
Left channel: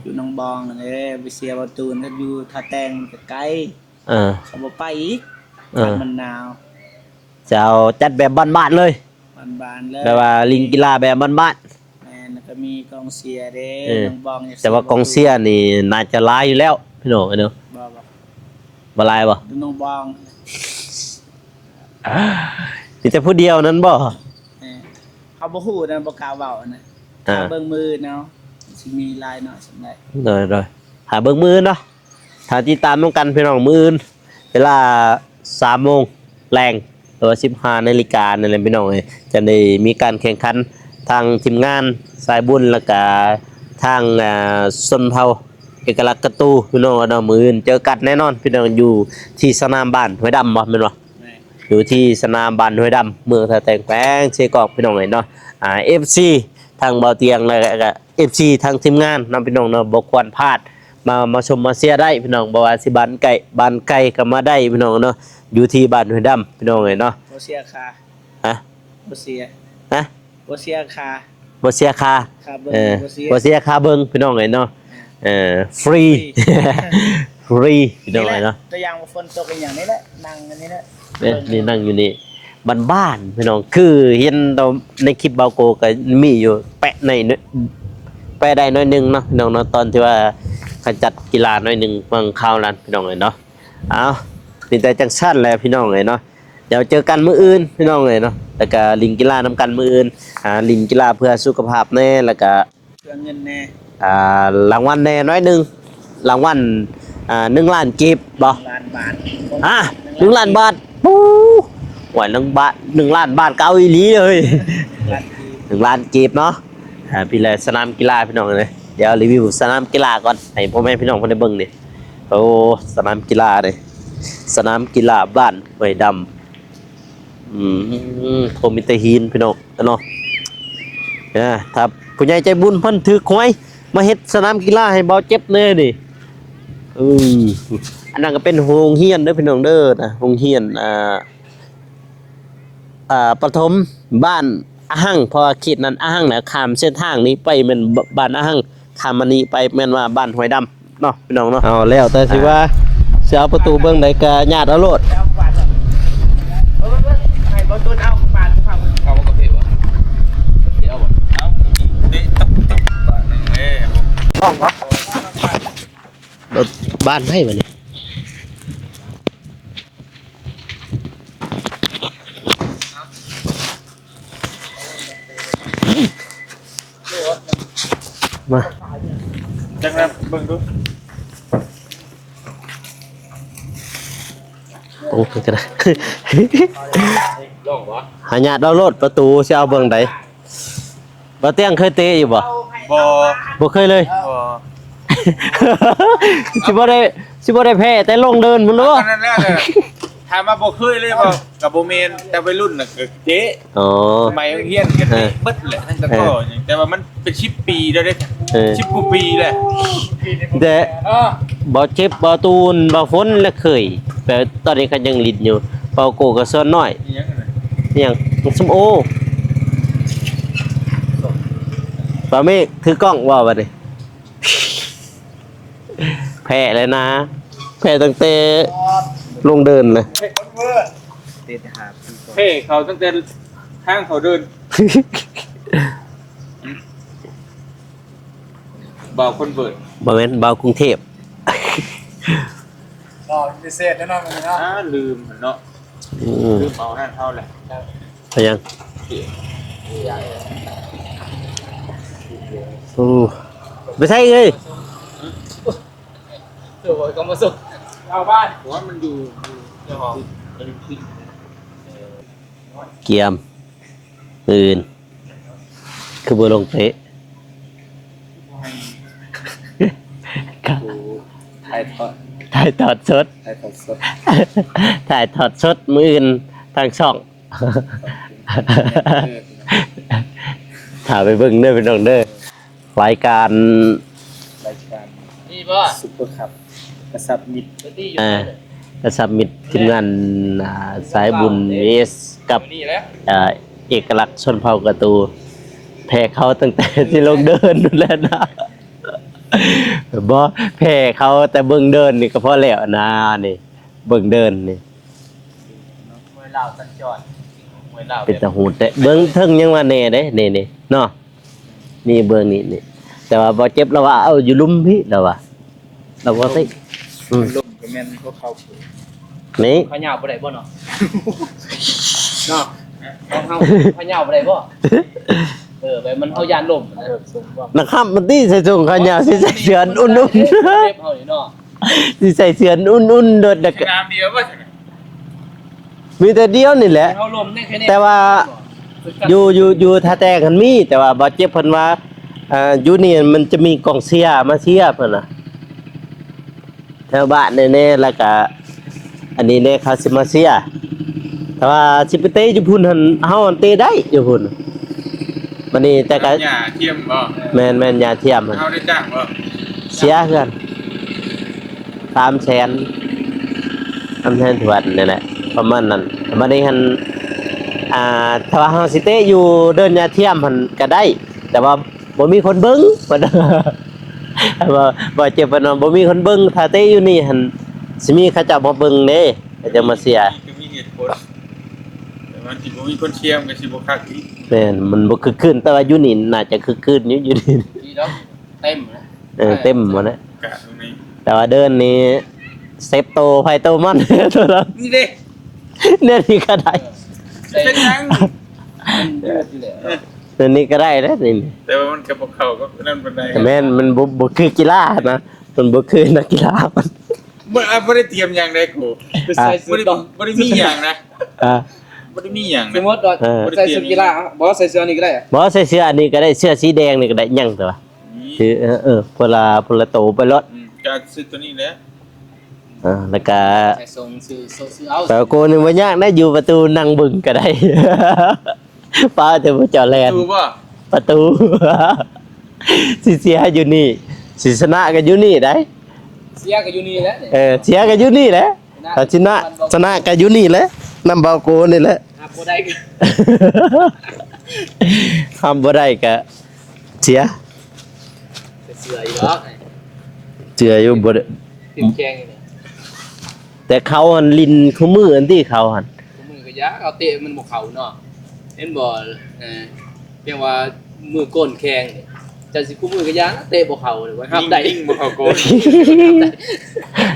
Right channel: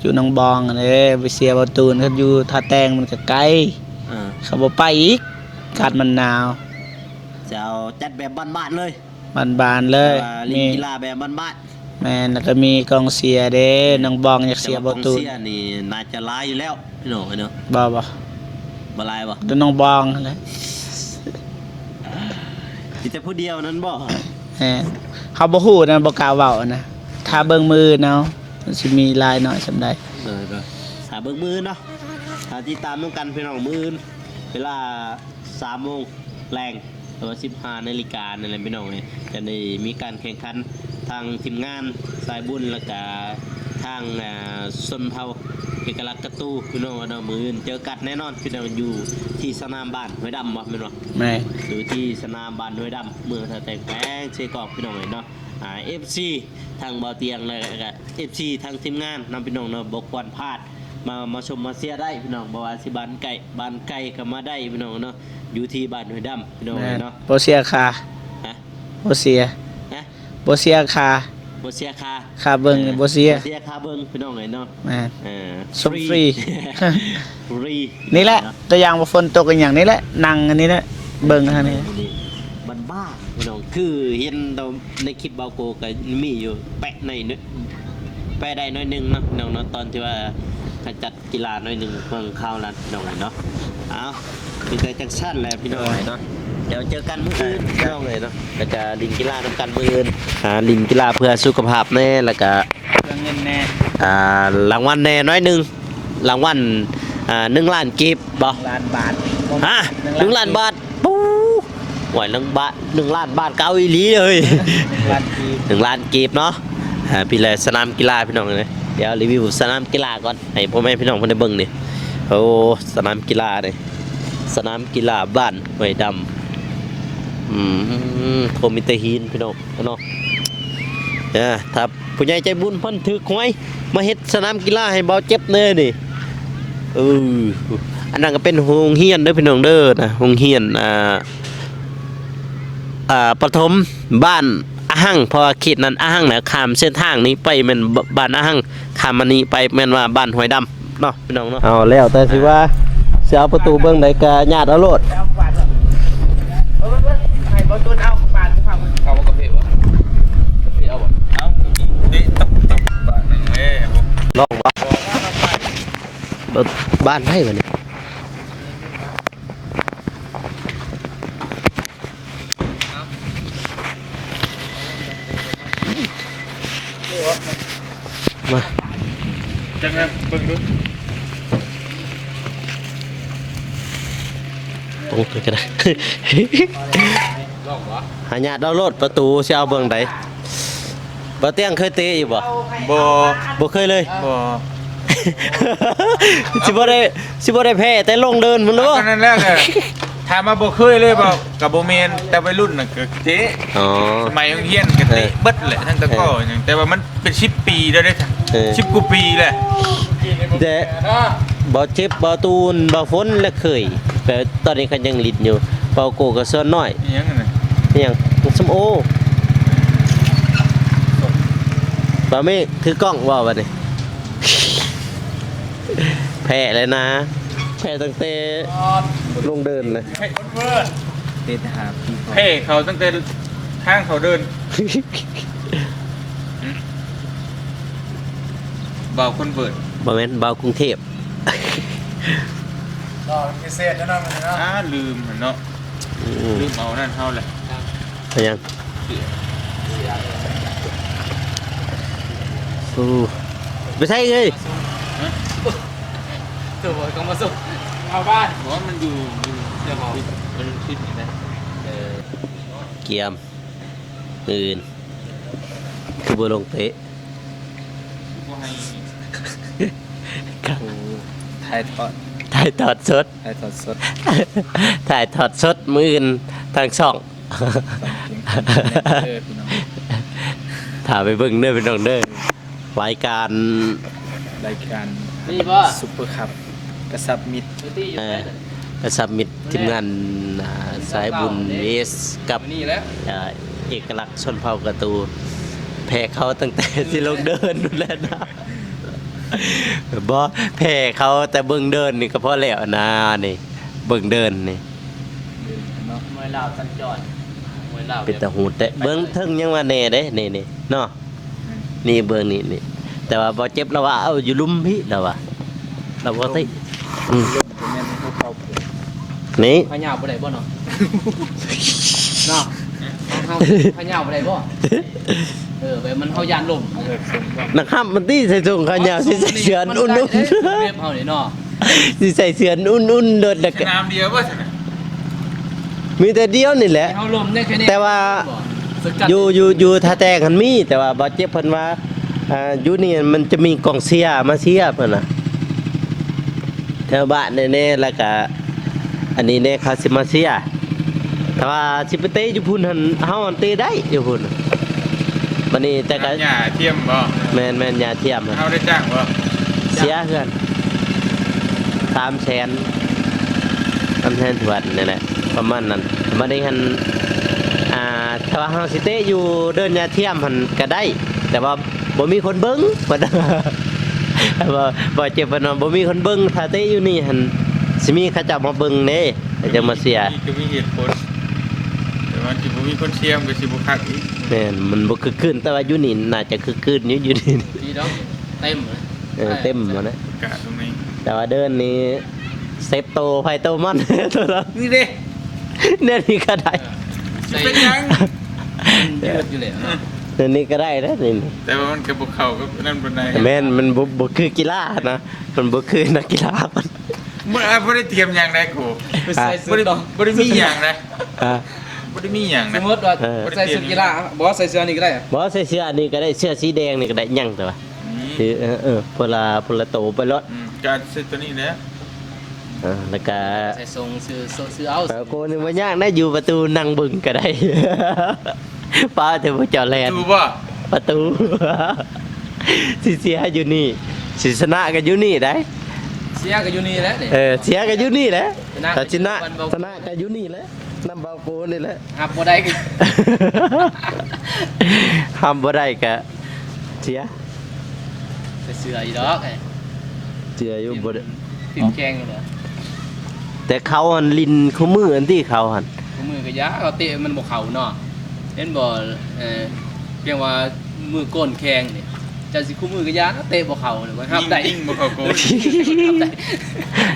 อยู่หนองบองอันนี้ไปเชียร์ประตูนเขาอยู่ท่าแตงมันก็ไกล เขาบ่ไปอีกคันมันหนาว จะเอาจัดแบบบ้านๆเลย บานๆเลย แต่ว่าลิงกีฬาแบบบ้าน แม่นแล้วก็มีกองเชียร์เด้ เออ หนองบองอยาก ๆ เชี แต่ ยร์ ว่ากองเชียร์นี่น่าจะหลายอยู่แล้วพี่น้องเนาะ บ่ บ่หลายบ่ ดูหนองบองนั่นแหละ มีแต่ผู้เดียวนั้นบ่ แม่นเขาบ่ฮู้นะบ่กล้าเว้านะถ้า อ่า เบิ่งมือเนาะมันสิมีลายหน่อยสำใด เลยหาเบิ่งมื้อเนาะหาติดตามนำกันพี่น้องมื้ออื่นเวลา 3 โมงแรงหรือว่า 15 นาฬิกานั่นแหละพี่น้องเอ้ยจะได้มีการแข่งขันทางทีมงานสายบุญแล้วก็ทางชนเผ่าเอกลักษณ์กระตูพี่น้องเนาะมื้ออื่นเจอกันแน่นอนพี่น้องอยู่ที่สนามบ้านห้วยดำบ่แม่นบ่ แม่ อยู่ที่สนามบ้านห้วยดำเมืองท่าแต่งแป้งเชกอกพี่น้องเอ้ยเนาะFC ทางเบาเตียงแล้วก็ FC ทางทีมงานนำพี่น้องเนาะบ่ควรพลาดมาชมมาเชียร์ได้พี่น้องบ่ว่าสิบ้านไกลก็มาได้พี่น้องเนาะอยู่ที่บ้านห้วยดำพี่น้องเอ้ยเนาะ บ่เสียค่า ฮะ บ่เสีย นะ บ่เสียค่า บ่เสียค่า ค่าเบิ่งบ่เสีย บ่เสียค่าเบิ่งพี่น้องเอ้ยเนาะ แม่น ฟรี ฟรี ฟรีพี่ นี่แหละ องเอ้ยเนาะ ตัวอย่างว่าฝนตกกันอย่างนี้แหละนั่งอันนี้แหละเบิ่ง นั่งอยู่นี่บ้านๆพี่น้องคือเห็นเราในคลิปเบาโกก็มีอยู่แปะใน ไปได้น้อยหนึงเนาะพี่น้องเนาะตอนที่ว่าเขาจัดกีฬาน้อยหนึงบางคราวนั้นพี่น้องเลยเนาะเอามีแต่จังซั่นแหละพี่น้องเลยเนาะเดี๋ยวเจอกันมื้ออื่นพี่น้องเลยเนาะแล้วก็ลิงกีฬานํกันมื้ออื่นลิงกีฬาเพื่อสุขภาพแน่แล้วก็ เรื่องเงินแน่ รางวัลแน่น้อยหนึงรางวัล1 ล้านกีบบ่ ล้านบาท ฮะ1 ล้านบาทปูหวย1 ล้านบาทเก่าอีหลีเลย ล้านกีบ 1 ล้านกีบเนาะพี่แลสนามกีฬาพี่น้องเลยเดี๋ยวรีวิวสนามกีฬาก่อนให้พ่อแม่พี่น้องเพิ่นได้เบิ่งนี่โอ้สนามกีฬาเลยสนามกีฬาบ้านห้วยดำโทมิเตหินพี่น้องเนาะถ้าผู้ใหญ่ใจบุญเพิ่นถือหวยมาเฮ็ดสนามกีฬาให้เบาเจ็บแน่นี่อันนั้นก็เป็นโรงเรียนเด้อพี่น้องเด้อนะโรงเรียนประถมบ้านอาหังพอเขตนั้นอาหังนะข้ามเส้นทางนี้ไปแม่นบ้านอาหังข้ามมานี้ไปแม่นว่าบ้านห้วยดำเนาะพี่น้องเนาะเอาแล้วแต่สิว่าสิเอาประตูเบิ่งใดก็ญาติเอาโลด เอาบาทให้บ่ตุนเอาบาทฟัง เอากาแฟวะกาแฟเอาบ่เอาดิตับบาทนึงเอ้บ่ น้องรถบ้านให้มานี่มา จังนะเบิ่งดู โอ้ยก็ได้ ลองบ่ หาญาติเอารถประตูสิเอาเบิ่งใดบ่เตียงเคยเตะอยู่บ่ บ่ บ่เคยเลย บ่ สิบ่ได้แพ้แต่ลงเดินมึงรู้ นั่นแหละเลยถามมาบ่เคยเลยบ่กับบ่แม่นแต่วัยรุ่นน่ะก็เตะ อ๋อ สมัยโรงเรียนก็เตะเบิดแหละทั้งตะกร้อหยังแต่ว่ามันเป็น10 ปีแล้วเด้10กว่าปีเลย แต่บ่เจ็บบ่ตูนบ่ฝนและเคยแต่ตอนนี้ก็ยังลิ้นอยู่เป่าโกก็ส่วนน้อย อีหยังน่ะ อหยังส้มโอบ่มีถือกล้องว่าบัดนี้ แพ้เลยนะแพ้ตั้งแต่ลงเดินเลย เฮ้ยคนเวิร์ด เตะหาพี่ เฮ้เขาตั้งแต่ทางเขาเดินเบาคนเวิร์ด บ่แม่นเบากรุงเทพ ก็พิเศษแน่นอนเลยนะลืมเนาะลืมเอานั่นเฮาแหละ ไปยังโอ้ไม่ใช่เลย ตัวก็มาสุดเอาบ้านบอกว่ามันอยู่เดี๋ยวบอกมันคิดอย่างนั้น เกียมอื่นคือบ่ลงเตะ ครับ ถ่ายทอด ถ่ายทอดสด ถ่ายทอดสด ถ่ายทอดสดมื้ออื่นทางช่อง ถ่ายไปเบิ่งเด้อพี่น้องเด้อรายการ รายการ นี่ป่ะ ซุปเปอร์คัพกระสับมิด กระสับมิตรทีมงานสายบุญเอสกับ นี่แล้ว เอกลักษณ์ชนเผ่ากระตูแพ้เขาตั้งแต่ที่ลงเดินนู่นแล้วนะบ่แพ้เขาแต่เบิ่งเดินนี่ก็พอแล้วนะนี่เบิ่งเดินนี่ มวยลาวสัญจรมวยลาว เป็นตะหูแต่เบิ่งเทิงยังว่าแน่เด้นี่เนาะนี่เบิ่งนี่แต่ว่าบ่เจ็บแล้วว่าเอาอยู่ลุมพี่แล้วว่าเราบ่ตินี่ พะเหยาบ่ได้บ่เนาะ เนาะเฮาพะเหยาบ่ได้บ่แบบมันเฮายานลม นะครับมันตีใส่ถุงขายาวสิใส่เสื้ออุ่น เรียบเฮานี่เนาะ ๆสิใส่เสื้ออุ่นๆเลิศ สนามเดียวก็ มีแต่เดียวนี่แหละ เฮาลมได้แค่นี้ แต่ว่าอยู่ท่าแตกันมีแต่ว่าบ่เจ็บเพิ่นว่าอยู่นี่มันจะมีกองเชียร์มาเชียร์เพิ่นน่ะแถวบ้านแน่ๆแล้วก็อันนี้แน่เขาสิมาเชียร์แต่ว่าสิไปเตะอยู่พุ่นหั่นเฮาเตะได้อยู่พุ่นวันนี้แต่ก็ หญ้าเทียมบ่ แม่นๆอย่าเทียมหั่น เขาได้จ้างบ่ เสียเพื่อน300,000 300,000ถวนนี่แหละประมาณนั้นมาได้หันถ้าว่าเฮาสิเตะอยู่เดินยาเทียมหันก็ได้ แต่ว่าบ่มีคนเบิ่ง บ่เจ็บปานนั้นบ่มีคนเบิ่งถ้าเตะอยู่นี่หันสิมีเขาเจ้ามาเบิ่งเด้เขาจะมาเสีย นี่คือมีเหตุผลแต่ว่าสิบ่มีคนเชียร์ก็สิบ่คักอีก แม่นมันบ่คึกคืนแต่ว่าอยู่นี่น่าจะคึกคืนอยู่นี่ ดีดอก เต็มเลย เต็มหมดแล้ว กาดตรงนี้ แต่ว่าเดินนี้เซฟโตไพโตมันตัวนั้น นี่ดิ เนี่ยนี่ก็ได้ เป็นยัง มันยืดอยู่เลย ตัวนี้ก็ได้นะนี่ แต่ว่ามันกระบอกเข่าก็นั่นเป็นไง แม่นมันบ่คือกีฬานะมันบ่คือนักกีฬามัน ไม่ได้เตรียมอย่างใดกู ไปใส่เสื้ ไม่ อ ได้ ต่อ ไม่ได้มีอย่างนะ อ่า ไม่ได้มีอย่าง ส นะ มมติว่าใส่เสื้อกีฬาบอกว่าใส่เสื้อนี่ก็ได้อะ บ่ใส่เสื้ออันนี้ก็ได้เสื้อสีแดงนี่ก็ได้ยังตัวคือพลาโตไปรถ การซื้อตัวนี้แล้ว แล้วก็ ใส่ทรงซื้อเอา แต่โกนึงบ่ยากนะอยู่ประตูนั่งบึงก็ได้ ป้าจะบ่จอแลน ถูกป่ะ ประตู สิเสียอยู่นี่สิชนะก็อยู่นี่ได้ เสียก็อยู่นี่แหละนี่ เสียก็อยู่นี่แหละแต่ชนะก็อยู่นี่แหละน้ำเบาโกนี่แหละ หักบ่ได้ก็ ทำบ่ได้ก็เสีย ใส่เสื้ออีดอก เสียอยู่บ่ได้ ติดแกงอยู่เนาะ แต่เขาหันลินคู่มืออันที่เขาหัน มือก็ยะเขาเตะมันบ่เข้าเนาะเห็นบ่เรียกว่ามือก้นแข็งนี่จะสิคู่มือก็ยะนะเตะบ่เข้าเลยว่าห้ามได้ ยิ่งบ่เขาโกน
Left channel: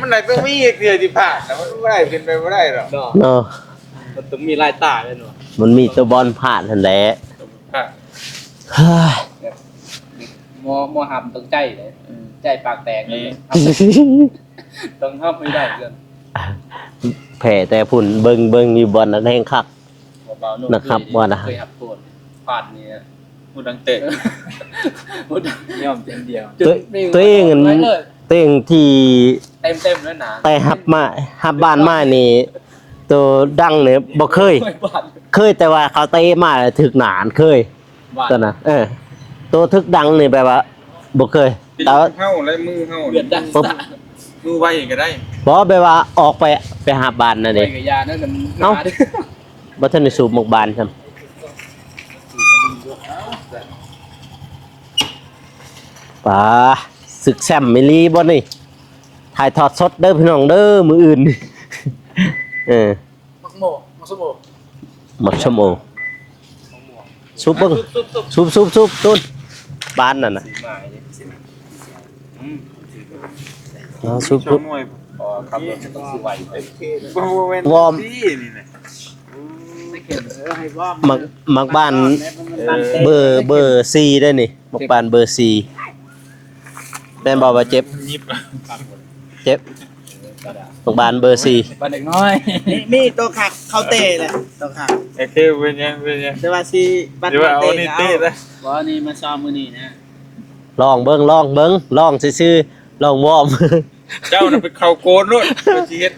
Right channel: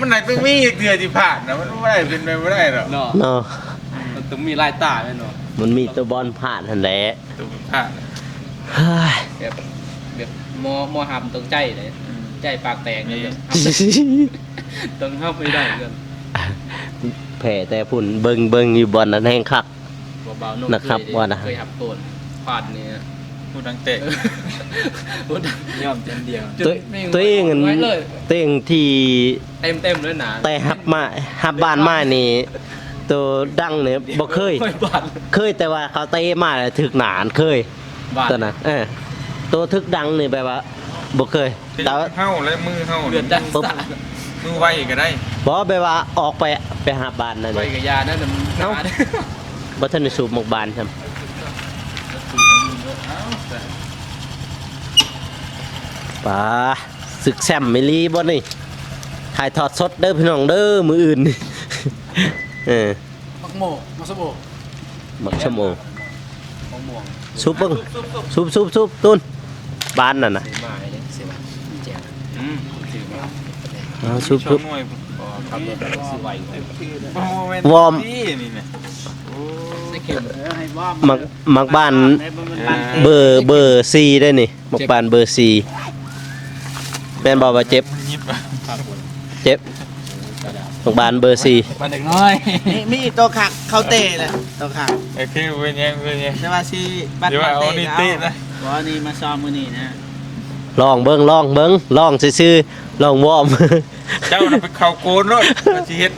มันไหนต้องมีเกียร์ที่ผ่านนะมันไม่ได้เป็นไปไม่ได้หรอก เนาะ เนาะ มันต้องมีลายตาเลยเนาะ มันมีตัวบอลผ่านหั่นแหละ ตัวผ่าน เฮ้ย แบบมอหำตรงใจเลยใจปากแตกเลยต้องห้ามไม่ได้เรื่อง แผ่แต่พุ่นเบิ่งอยู่บอลนั้นแห้งคัก เบาๆนุ่ม นะครับว่านะ เคยหับตัวฟาดนี่นะ ผู้ดังเตะ ยอมเดียว ตัวเอง ไว้เลย ตัวเองที่ เต็มเลยหนา แต่ฮับบ้านมานี่ตัวดังเนี่ยบ่เคย บาด เคยแต่ว่าเขาเตะมาถึกหนานเคย บาด ตัวน่ะตัวทึกดังนี่แบบว่าบ่เคยแต่ว่า เข้าและมือเข้า เลือดดัน ปุ๊บ มือไวก็ได้ บ่แบบว่าออกไปหาบ้านน่ะ ไป เด้ กับยานั่นน่ะ เอ้า บ่ทันได้สูบหมกบานซั่นป่าศึกแซมมิลีบ่นี่ถ่ายทอดสดเด้อพี่น้องเด้อมื้ออื่น มักโมมักสมโม มักชั่วโมง มักม่วง ซุปเบิ่งซุปตุนบ้านนั่นน่ะ มาเลยสิมาแจกถือมา ซุป ช่วงหน่วย พอครับสิไหว วอร์ม นี่นะ ได้เข็ม มักบ้านเบอร์4ได้นี่มักบ้านเบอร์4แม่นบอกว่าเจ็บ มันยิบ เจ็บมักบ้านเบอร์4 มาเด็กน้อย นี่ตัวขักเขาเตะเลยตัวขัก โอเคเป็นยัง แต่ว่าสิบัด เดี๋ยวเอานี่เตะนะ ว่านี่มาซ้อมมื้อนี้นะ ลองเบิ่งลองซื่อๆลองวอร์ม เจ้าน่ะไปเข่าโกนด้วยไปเฮ็ด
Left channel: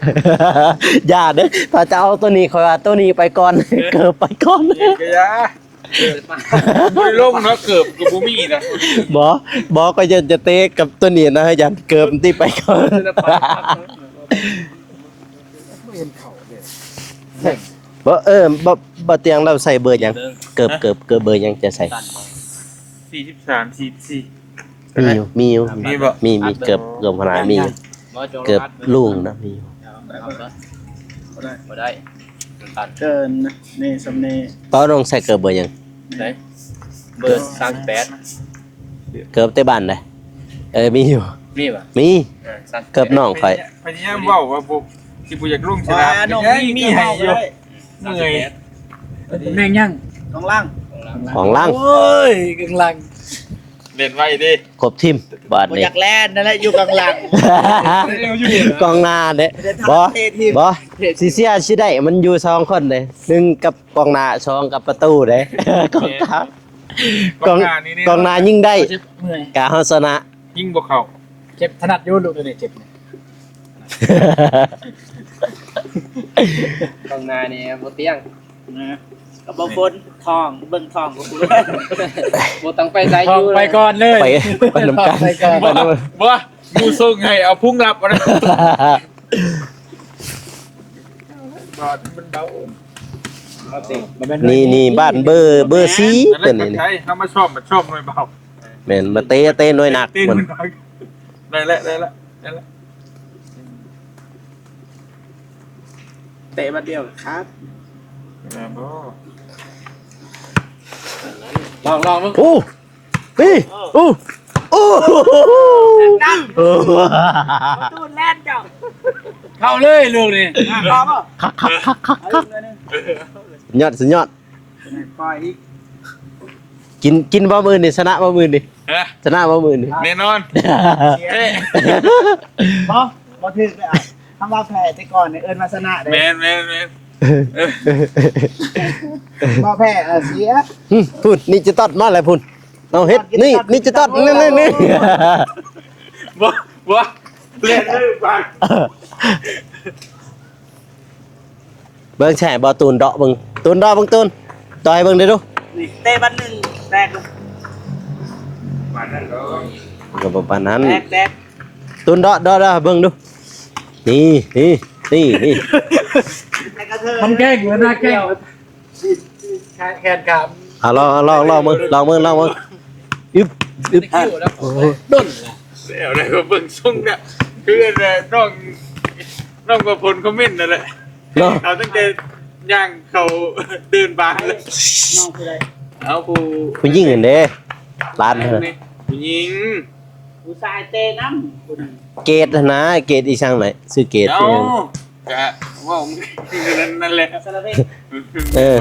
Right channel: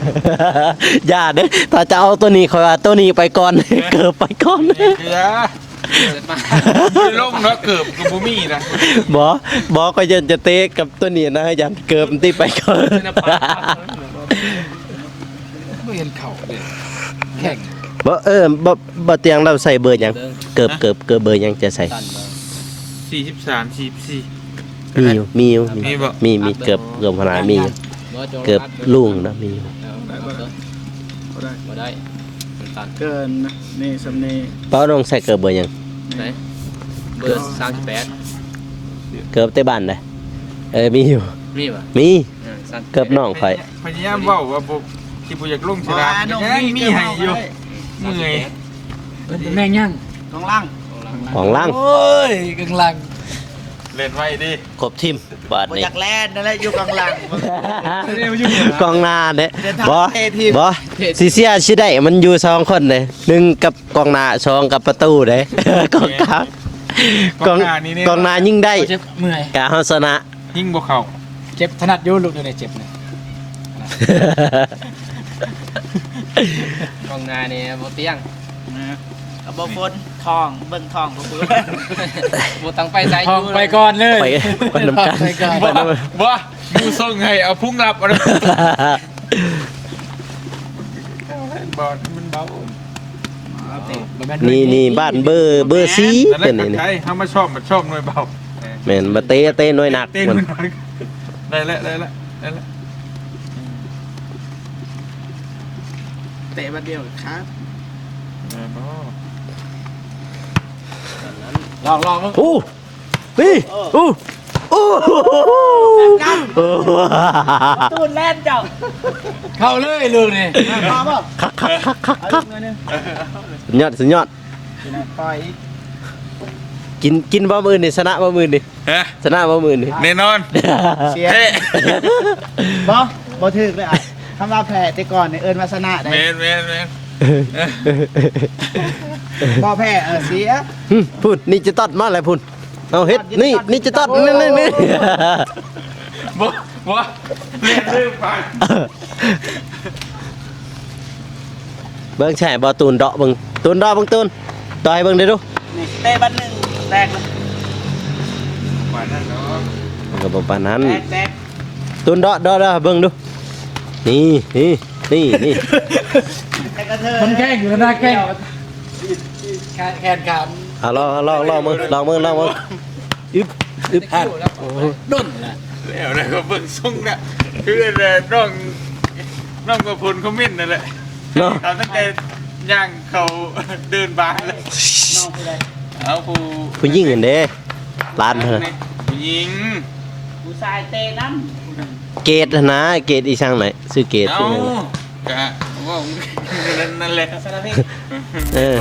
อย่าเด้อถ้าจะเอาตัวนี้ขอตัวนี้ไปก่อน เกิดไปก่อน กะยา เกิดมา บ่ได้ลงเนาะเกือบกูบ่มีนะ บ่ก็ยังจะเตะกับตัวนี้นะยันเกิดที่ไปก่อน ศิลปะไม่เห็นเข่าเลยแข่ง บ่เตียงเราใส่เบอร์หยังเกิบเบอร์หยังจะใส่ ตัน 43 44 มีอยู่ มีบ่ มีเกิบพนามีอยู่เกิบลุงนะมีอยู่ บ่ได้ตัน เกินนะนี่สำเนี ป้าต้องใส่เกิบเบอร์หยัง ไหนเบอร์38 เกิบแต่บ้านได้มีอยู่ มีป่ะ มี สั้น เกิบน้องข่อย พยายามเว้าว่าบ่ที่บ่อยากลงชนะยังมีให้อยู่เมื่อย เป็นแม่งยัง ของล่าง ของล่าง โอ้ยกึ่งลัง เล่นไว้ดิ ครบทีมบาด บ่ นี้ อยากแล่นนั่นแหละอยู่กองหลัง กองหน้าเด้ เดี๋ยว บ่ ทำเททีม บ่สิเสียสิได้มันอยู่2คนเด้1กับกองหน้า2กับประตูเด้ กองกลางกองหน้ายิงได้ เจ็บเมื่อย กะเฮาชนะ ยิ่งบ่เข้า เจ็บถนัดโยนลูกตัวนี้เจ็บเนี่ยกองนาเนี่ยโบเตียง เอาบ่ฝนทองเบิ่งทองบ่ฝน โบตังไปใช้ ท อ อง ยู่ ไปก่อนเลย ไปนำกัน ไปก่อน ไปนำกัน บ่ดูส่งให้เอาพุ่งรับเอาบาดมันเบา นี่บ้านเบอร์ซี นั่นแห เป็น ละ นี่ ใช่ถ้ามาชอบหน่วยเบา แม่นมาเตะน้อยหนัก เต้น มัน หน่อยได้แล้วได้แล้ว เตะบัดเดียวครับ ลอง อู้นี่อู้ โอ้โห ตูนแล่นเจ้า เข้าเลยเรื่องนี้ พอป่ะ คักสุดยอดสุดยอด ปล่อยอีก กินบ่มือนี่ชนะบ่มือนี่ ฮะ ชนะบ่มือนี่ แน่นอน เสียบ่ถึกเลยอ่ะคำว่าแพ้แต่ก่อนเนี่ยเอิ้นวาสนาได้ แมน บ่แพ้เสีย พุ่นนี่จะตัดมาแล้วพุ่นเอาเฮ็ดนี่จะตัดนี่ บ่เล่นเรื่องฟัง เบิ่งแช่บ่ตูนเดาะเบิ่งตูนเดาะเบิ่งตูนต่อยเบิ่งดิดู นี่เตะบันหนึ่งแตกเลย มานั่นเด้อ ก็บ่ปานนั้น แตก ตูนเดาะเบิ่งดูนี่ แต่กระเทย ต้องแกล้งแล้วนะแกล้งแขนขา เอาลองมึงอึบโอ้โห ด้นนะ แล้วนะก็เบิ่งส่งน่ะคือน้องกับผลคอมเมนต์นั่นแหละ เนาะ เขาตั้งแต่ย่างเขาเดินบางเลย น้องคืออะไร เอาผู้ ผู้หญิงนั่นเด้ร้าน นี่ผู้หญิง ผู้ชายเตะน้ำ เกตนะเกตอีช่างไหนซื้อเกต เอากะว่านั่นแหละ สารเพศ เออ